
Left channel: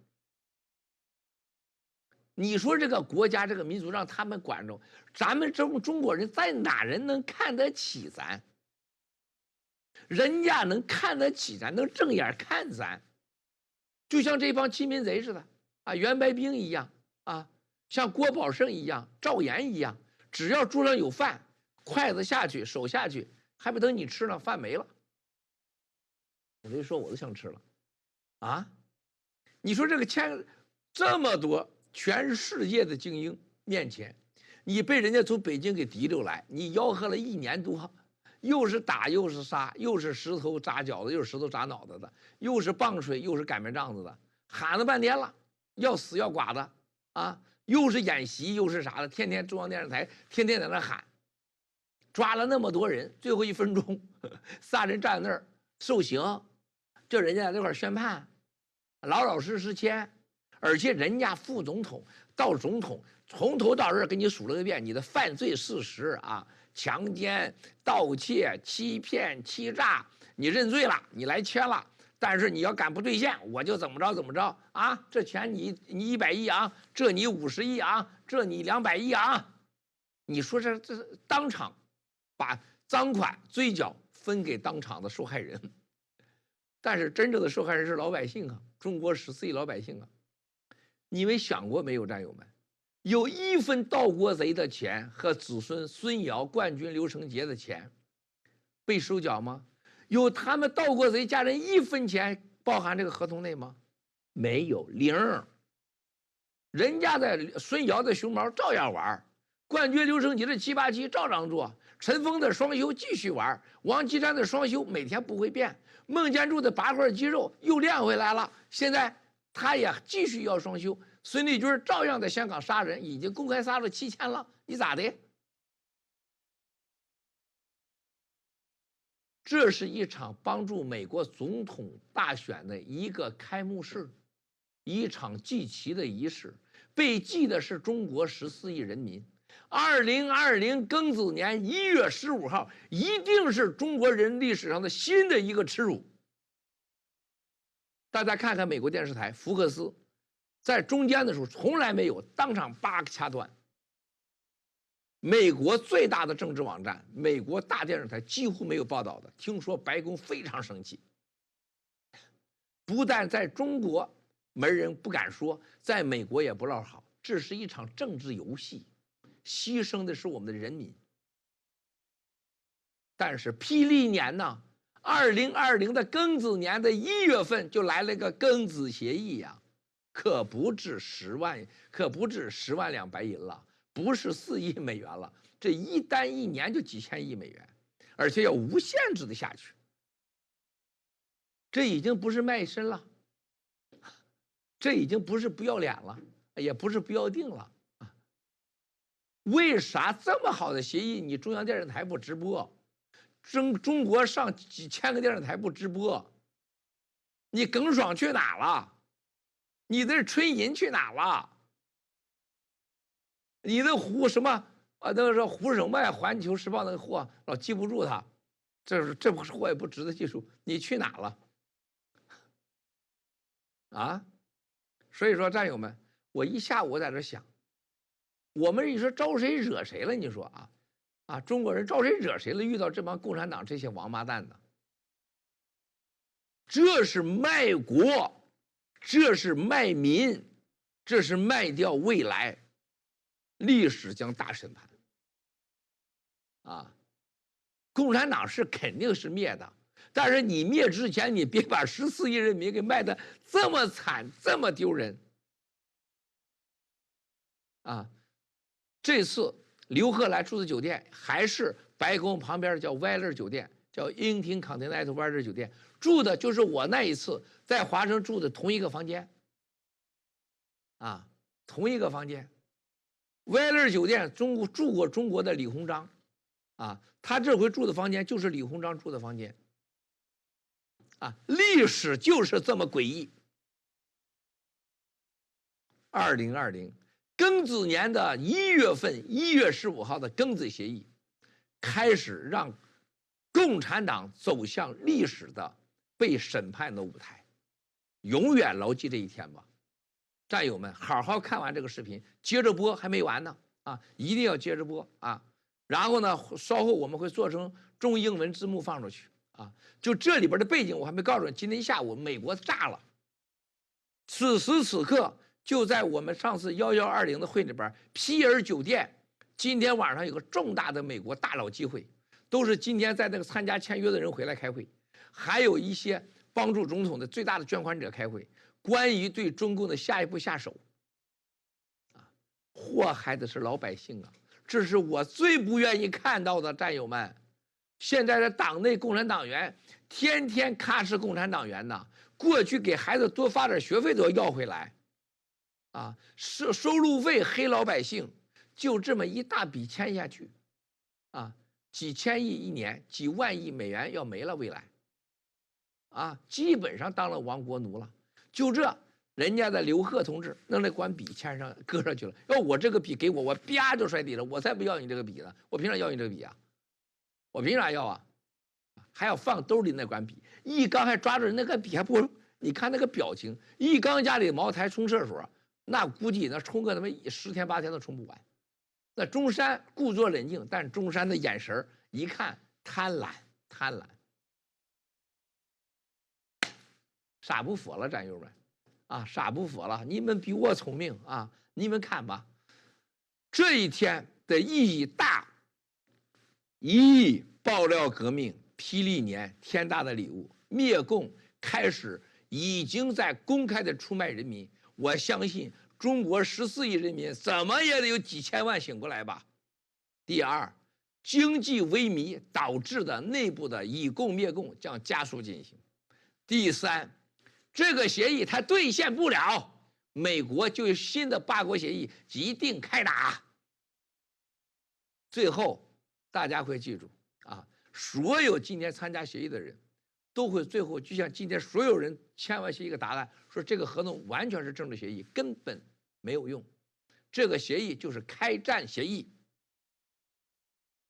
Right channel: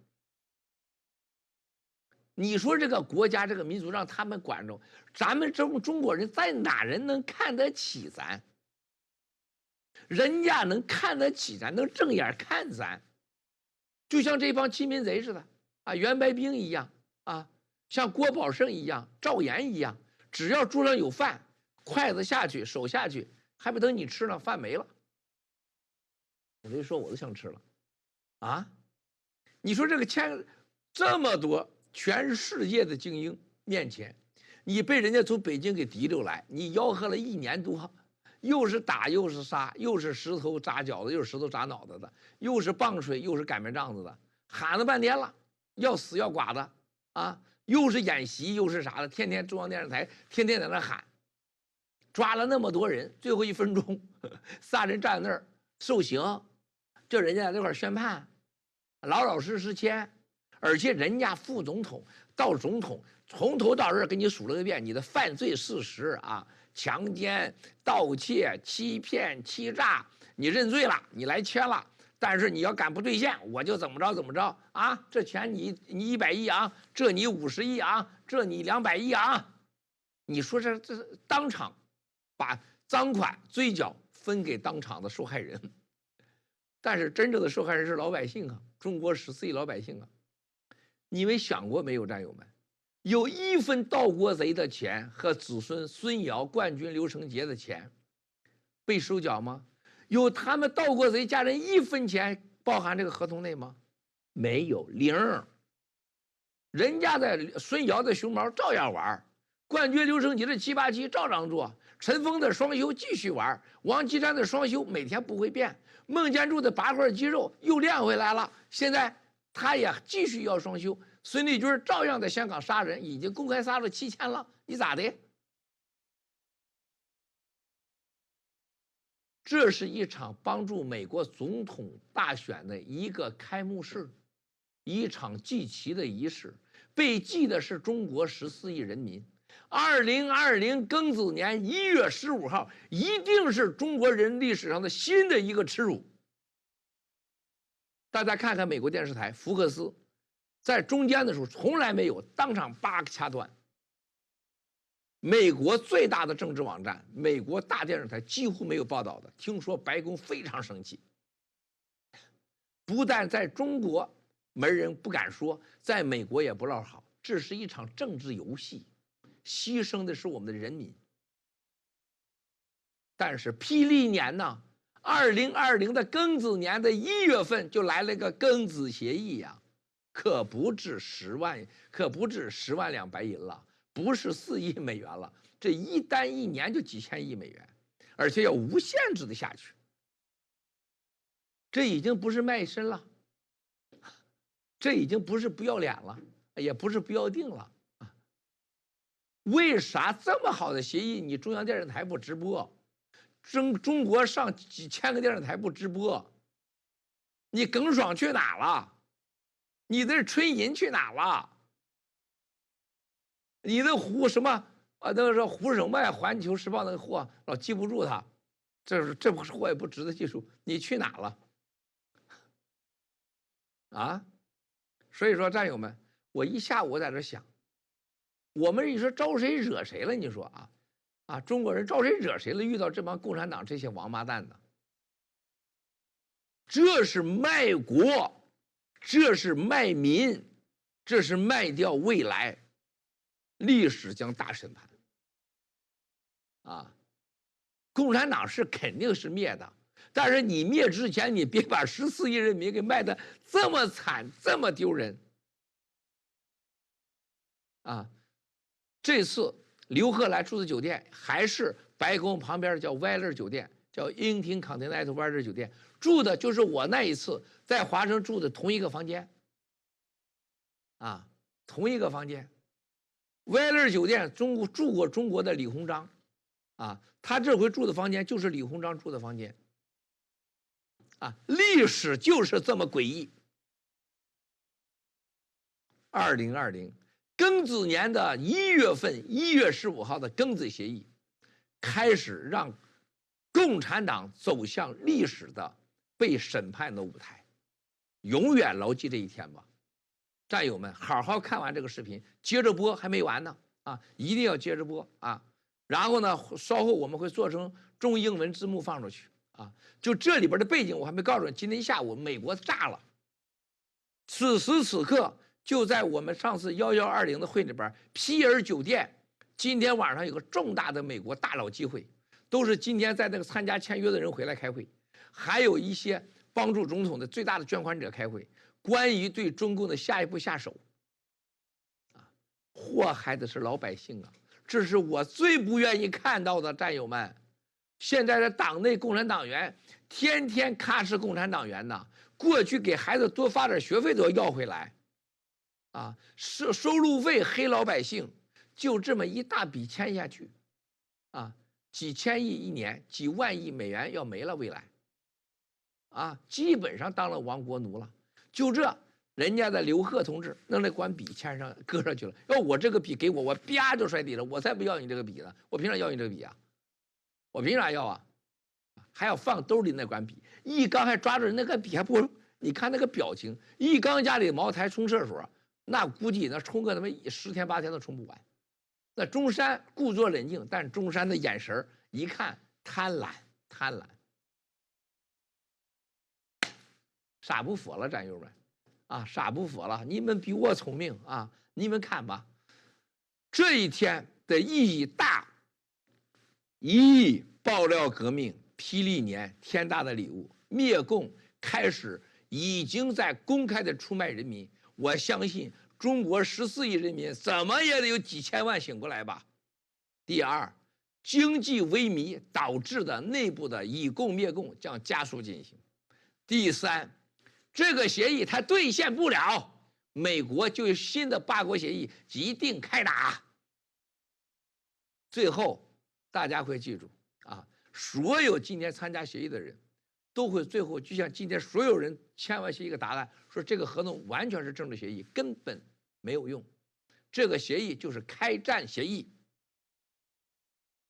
你说这个国家这个民族让他们管着，咱们中国人在哪人能看得起咱？人家能看得起咱，能正眼看咱，就像这帮欺民贼似的啊，袁白冰一样啊，像郭宝胜一样，赵岩一样，只要桌上有饭，筷子下去，手下去，还不等你吃呢，饭没了。我就说我都想吃了啊！你说这个签这么多全世界的精英面前，你被人家从北京给提溜来，你吆喝了1年多，又是打又是杀，又是石头扎脚的，又是石头扎脑袋的，又是棒槌，又是擀面杖子的，喊了半天了，要死要剐的啊！又是演习又是啥的，天天中央电视台天天在那喊，抓了那么多人，最后1分钟仨人站在那儿受刑，叫人家在那块宣判，老老实实签，而且人家副总统到总统从头到尾给你数了个遍你的犯罪事实啊，强奸、盗窃、欺骗、欺诈，你认罪了，你来签了。但是你要敢不兑现，我就怎么着啊！这钱你100亿啊，这你50亿啊，这你200亿啊！你说这当场把赃款追缴分给当场的受害人，但是真正的受害人是老百姓啊，中国14亿老百姓啊！你们想过没有，战友们？有1分盗国贼的钱和子孙孙尧、冠军刘成杰的钱被收缴吗？有他们盗国贼家人1分钱包含这个合同内吗？没有，0。人家的孙尧的熊猫照样玩，冠军刘成杰的787照样做，陈峰的双休继续玩，王岐山的双休每天不会变，孟建柱的8块肌肉又练回来了，现在他也继续要双休。孙立军照样在香港杀人，已经公开杀了7000了，你咋的？这是一场帮助美国总统大选的一个开幕式，一场祭旗的仪式，被祭的是中国14亿人民。2020庚子年1月15号，一定是中国人历史上的新的一个耻辱。大家看看美国电视台福克斯，在中间的时候从来没有当场叭掐断。美国最大的政治网站，美国大电视台几乎没有报道的。听说白宫非常生气，不但在中国没人不敢说，在美国也不落好。这是一场政治游戏，牺牲的是我们的人民。但是霹雳年呢，2020的庚子年的1月份就来了个庚子协议呀，可不止10万两白银了。不是4亿美元了，这一单1年就几千亿美元，而且要无限制的下去。这已经不是卖身了，这已经不是不要脸了，也不是不要定了。为啥这么好的协议，你中央电视台不直播？中国上几千个电视台不直播？你耿爽去哪了？你的春银去哪了？你的胡什么啊？那个是胡什么呀？环球时报那个货老记不住他，这货也不值得记住。你去哪了？啊？所以说，战友们，我一下午在这想。我们你说招谁惹谁了？你说中国人招谁惹谁了？遇到这帮共产党这些王八蛋的，这是卖国，这是卖民，这是卖掉未来，历史将大审判。共产党是肯定是灭的，但是你灭之前，你别把14亿人民给卖的这么惨，这么丢人。这次刘贺来住的酒店还是白宫旁边叫歪乐酒店，叫英廷康廷奈特歪乐酒店，住的就是我那一次在华城住的同一个房间，同一个房间。歪乐酒店住过中国的李鸿章，他这回住的房间就是李鸿章住的房间，历史就是这么诡异。2020庚子年的1月份，1月15号的庚子协议，开始让共产党走向历史的被审判的舞台，永远牢记这一天吧。战友们，好好看完这个视频，接着播还没完呢，一定要接着播然后呢，稍后我们会做成中英文字幕放出去就这里边的背景我还没告诉你，今天下午美国炸了，此时此刻。就在我们上次1120的会里边，皮尔酒店今天晚上有个重大的美国大佬机会，都是今天在那个参加签约的人回来开会，还有一些帮助总统的最大的捐款者开会，关于对中共的下一步下手。祸害的是老百姓这是我最不愿意看到的，战友们。现在的党内共产党员天天咔哧共产党员过去给孩子多发点学费都要回来。收路费黑老百姓，就这么一大笔签下去，几千亿一年，几万亿美元要没了，未来，基本上当了亡国奴了。就这，人家的刘贺同志弄那管笔签上搁上去了，要我这个笔给我啪就摔地了，我才不要你这个笔呢，我凭啥要你这个笔我凭啥要还要放兜里那管笔，一刚还抓着人那个笔还不，你看那个表情，一刚家里茅台冲厕所。那估计那冲个他妈10天8天都冲不完。那中山故作冷静，但中山的眼神一看贪婪，傻不服了，战友们傻不服了，你们比我聪明你们看吧，这一天的意义大。爆料革命，霹雳年，天大的礼物，灭共开始，已经在公开的出卖人民。我相信中国14亿人民怎么也得有几千万醒过来吧。第二，经济萎靡导致的内部的以共灭共将加速进行。第三，这个协议它兑现不了，美国就有新的8国协议一定开打。最后，大家会记住所有今天参加协议的人都会最后就像今天所有人签完协议一个答案，说这个合同完全是政治协议，根本没有用。这个协议就是开战协议。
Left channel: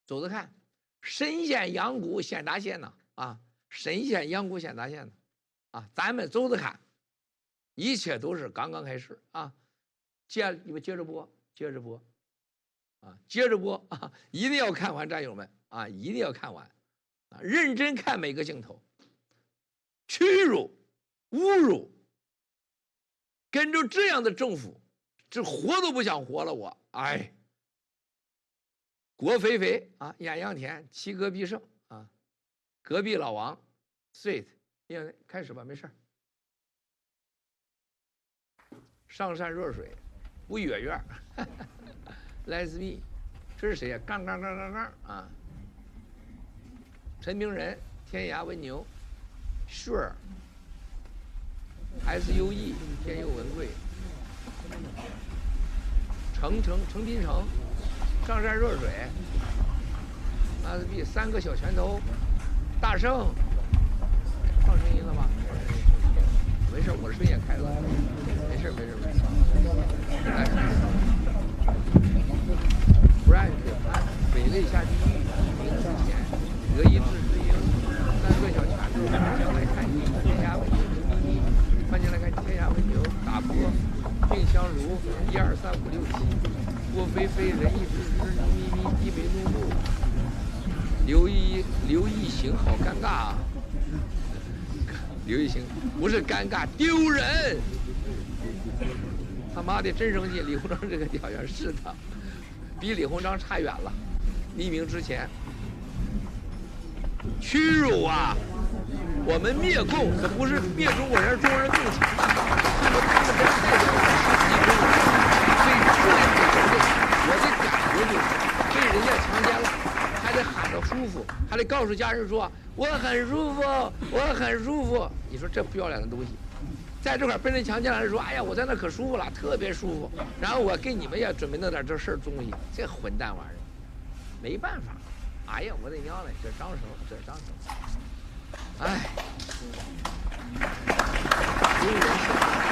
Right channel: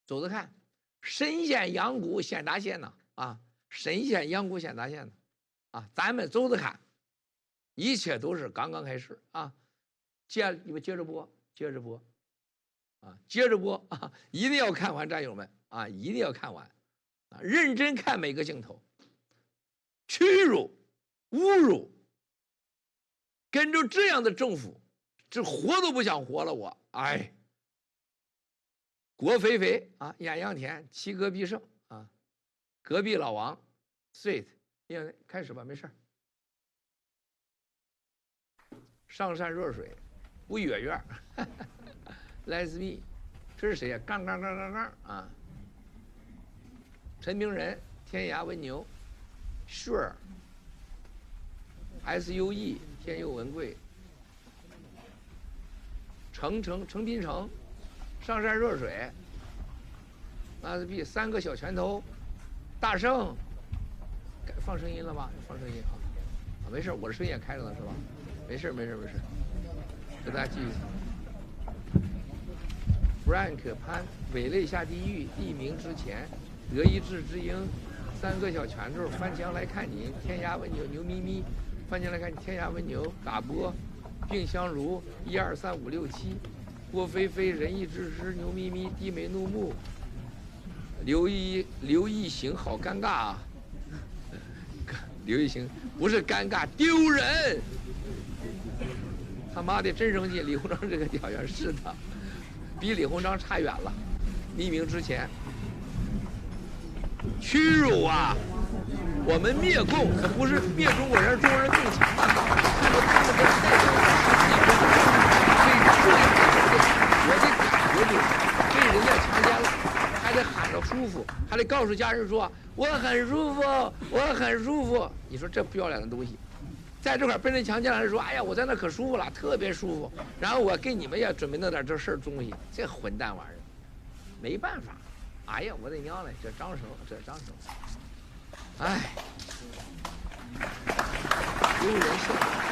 走着看，神仙阳谷显达县神仙阳谷显达县咱们走着看，一切都是刚刚开始你们接着播，接着播一定要看完，战友们一定要看完认真看每个镜头。屈辱、侮辱，跟着这样的政府，这活都不想活了我。郭肥肥艳阳天，齐戈必胜隔壁老王 sweet， 开始吧，没事上善若水，不远远，Let's be， 这是谁呀？杠陈明仁，天涯文牛。Sure， SUE 天佑文贵，成滨城，上善若水，SB 3个小拳头，大圣，放声音了吗？放声音，没事，我的声音也开了，没事。给大家继续。Frank 潘，伪类下地狱，地名之前，德意志之鹰，3个小拳头，翻墙来看你，天涯文牛牛咪咪，翻墙来看你，天涯文牛，打波，并香炉，1、2、3、5、6、7，郭菲菲，仁义之师，牛咪咪，低眉怒目，刘一行，好尴尬啊！刘一行不是尴尬，丢人！他妈的真生气！李鸿章这个屌样是的，比李鸿章差远了。匿名之前，屈辱啊！我们灭共可不是灭中国人，中国人更强大。看到他们这样代表我们14亿中国人，被这样的蹂躏，我的感觉就是被人家强奸了，还得喊着舒服，还得告诉家人说我很舒服，我很舒服。你说这不要脸的东西，在这块被人强奸了，说哎呀我在那可舒服了，特别舒服。然后我给你们也准备弄点这事儿东西，这混蛋玩意儿，没办法。哎呀我的娘嘞，这张绳，哎，丢人现眼。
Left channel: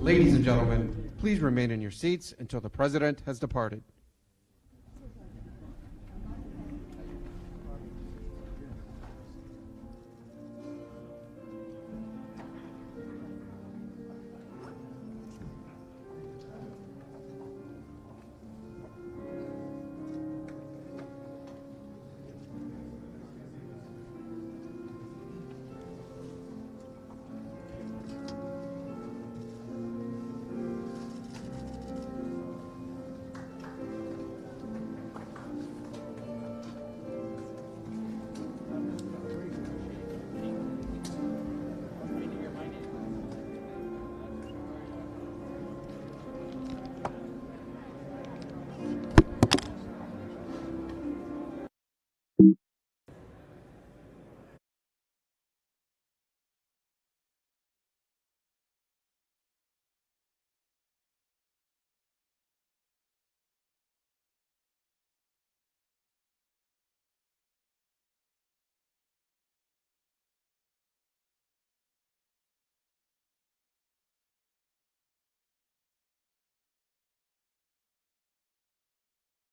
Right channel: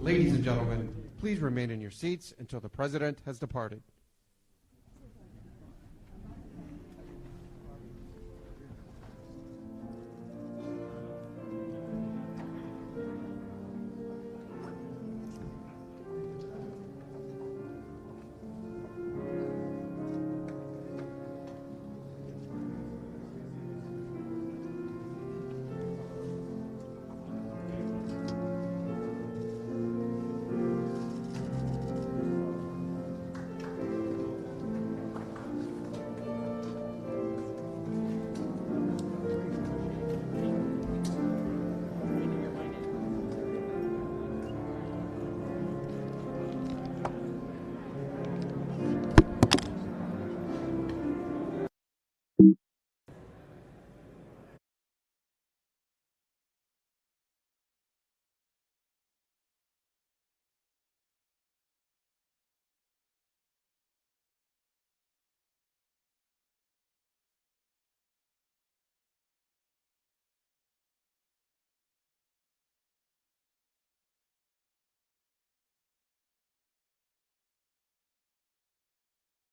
Ladies and gentlemen, please remain in your seats until the President has departed.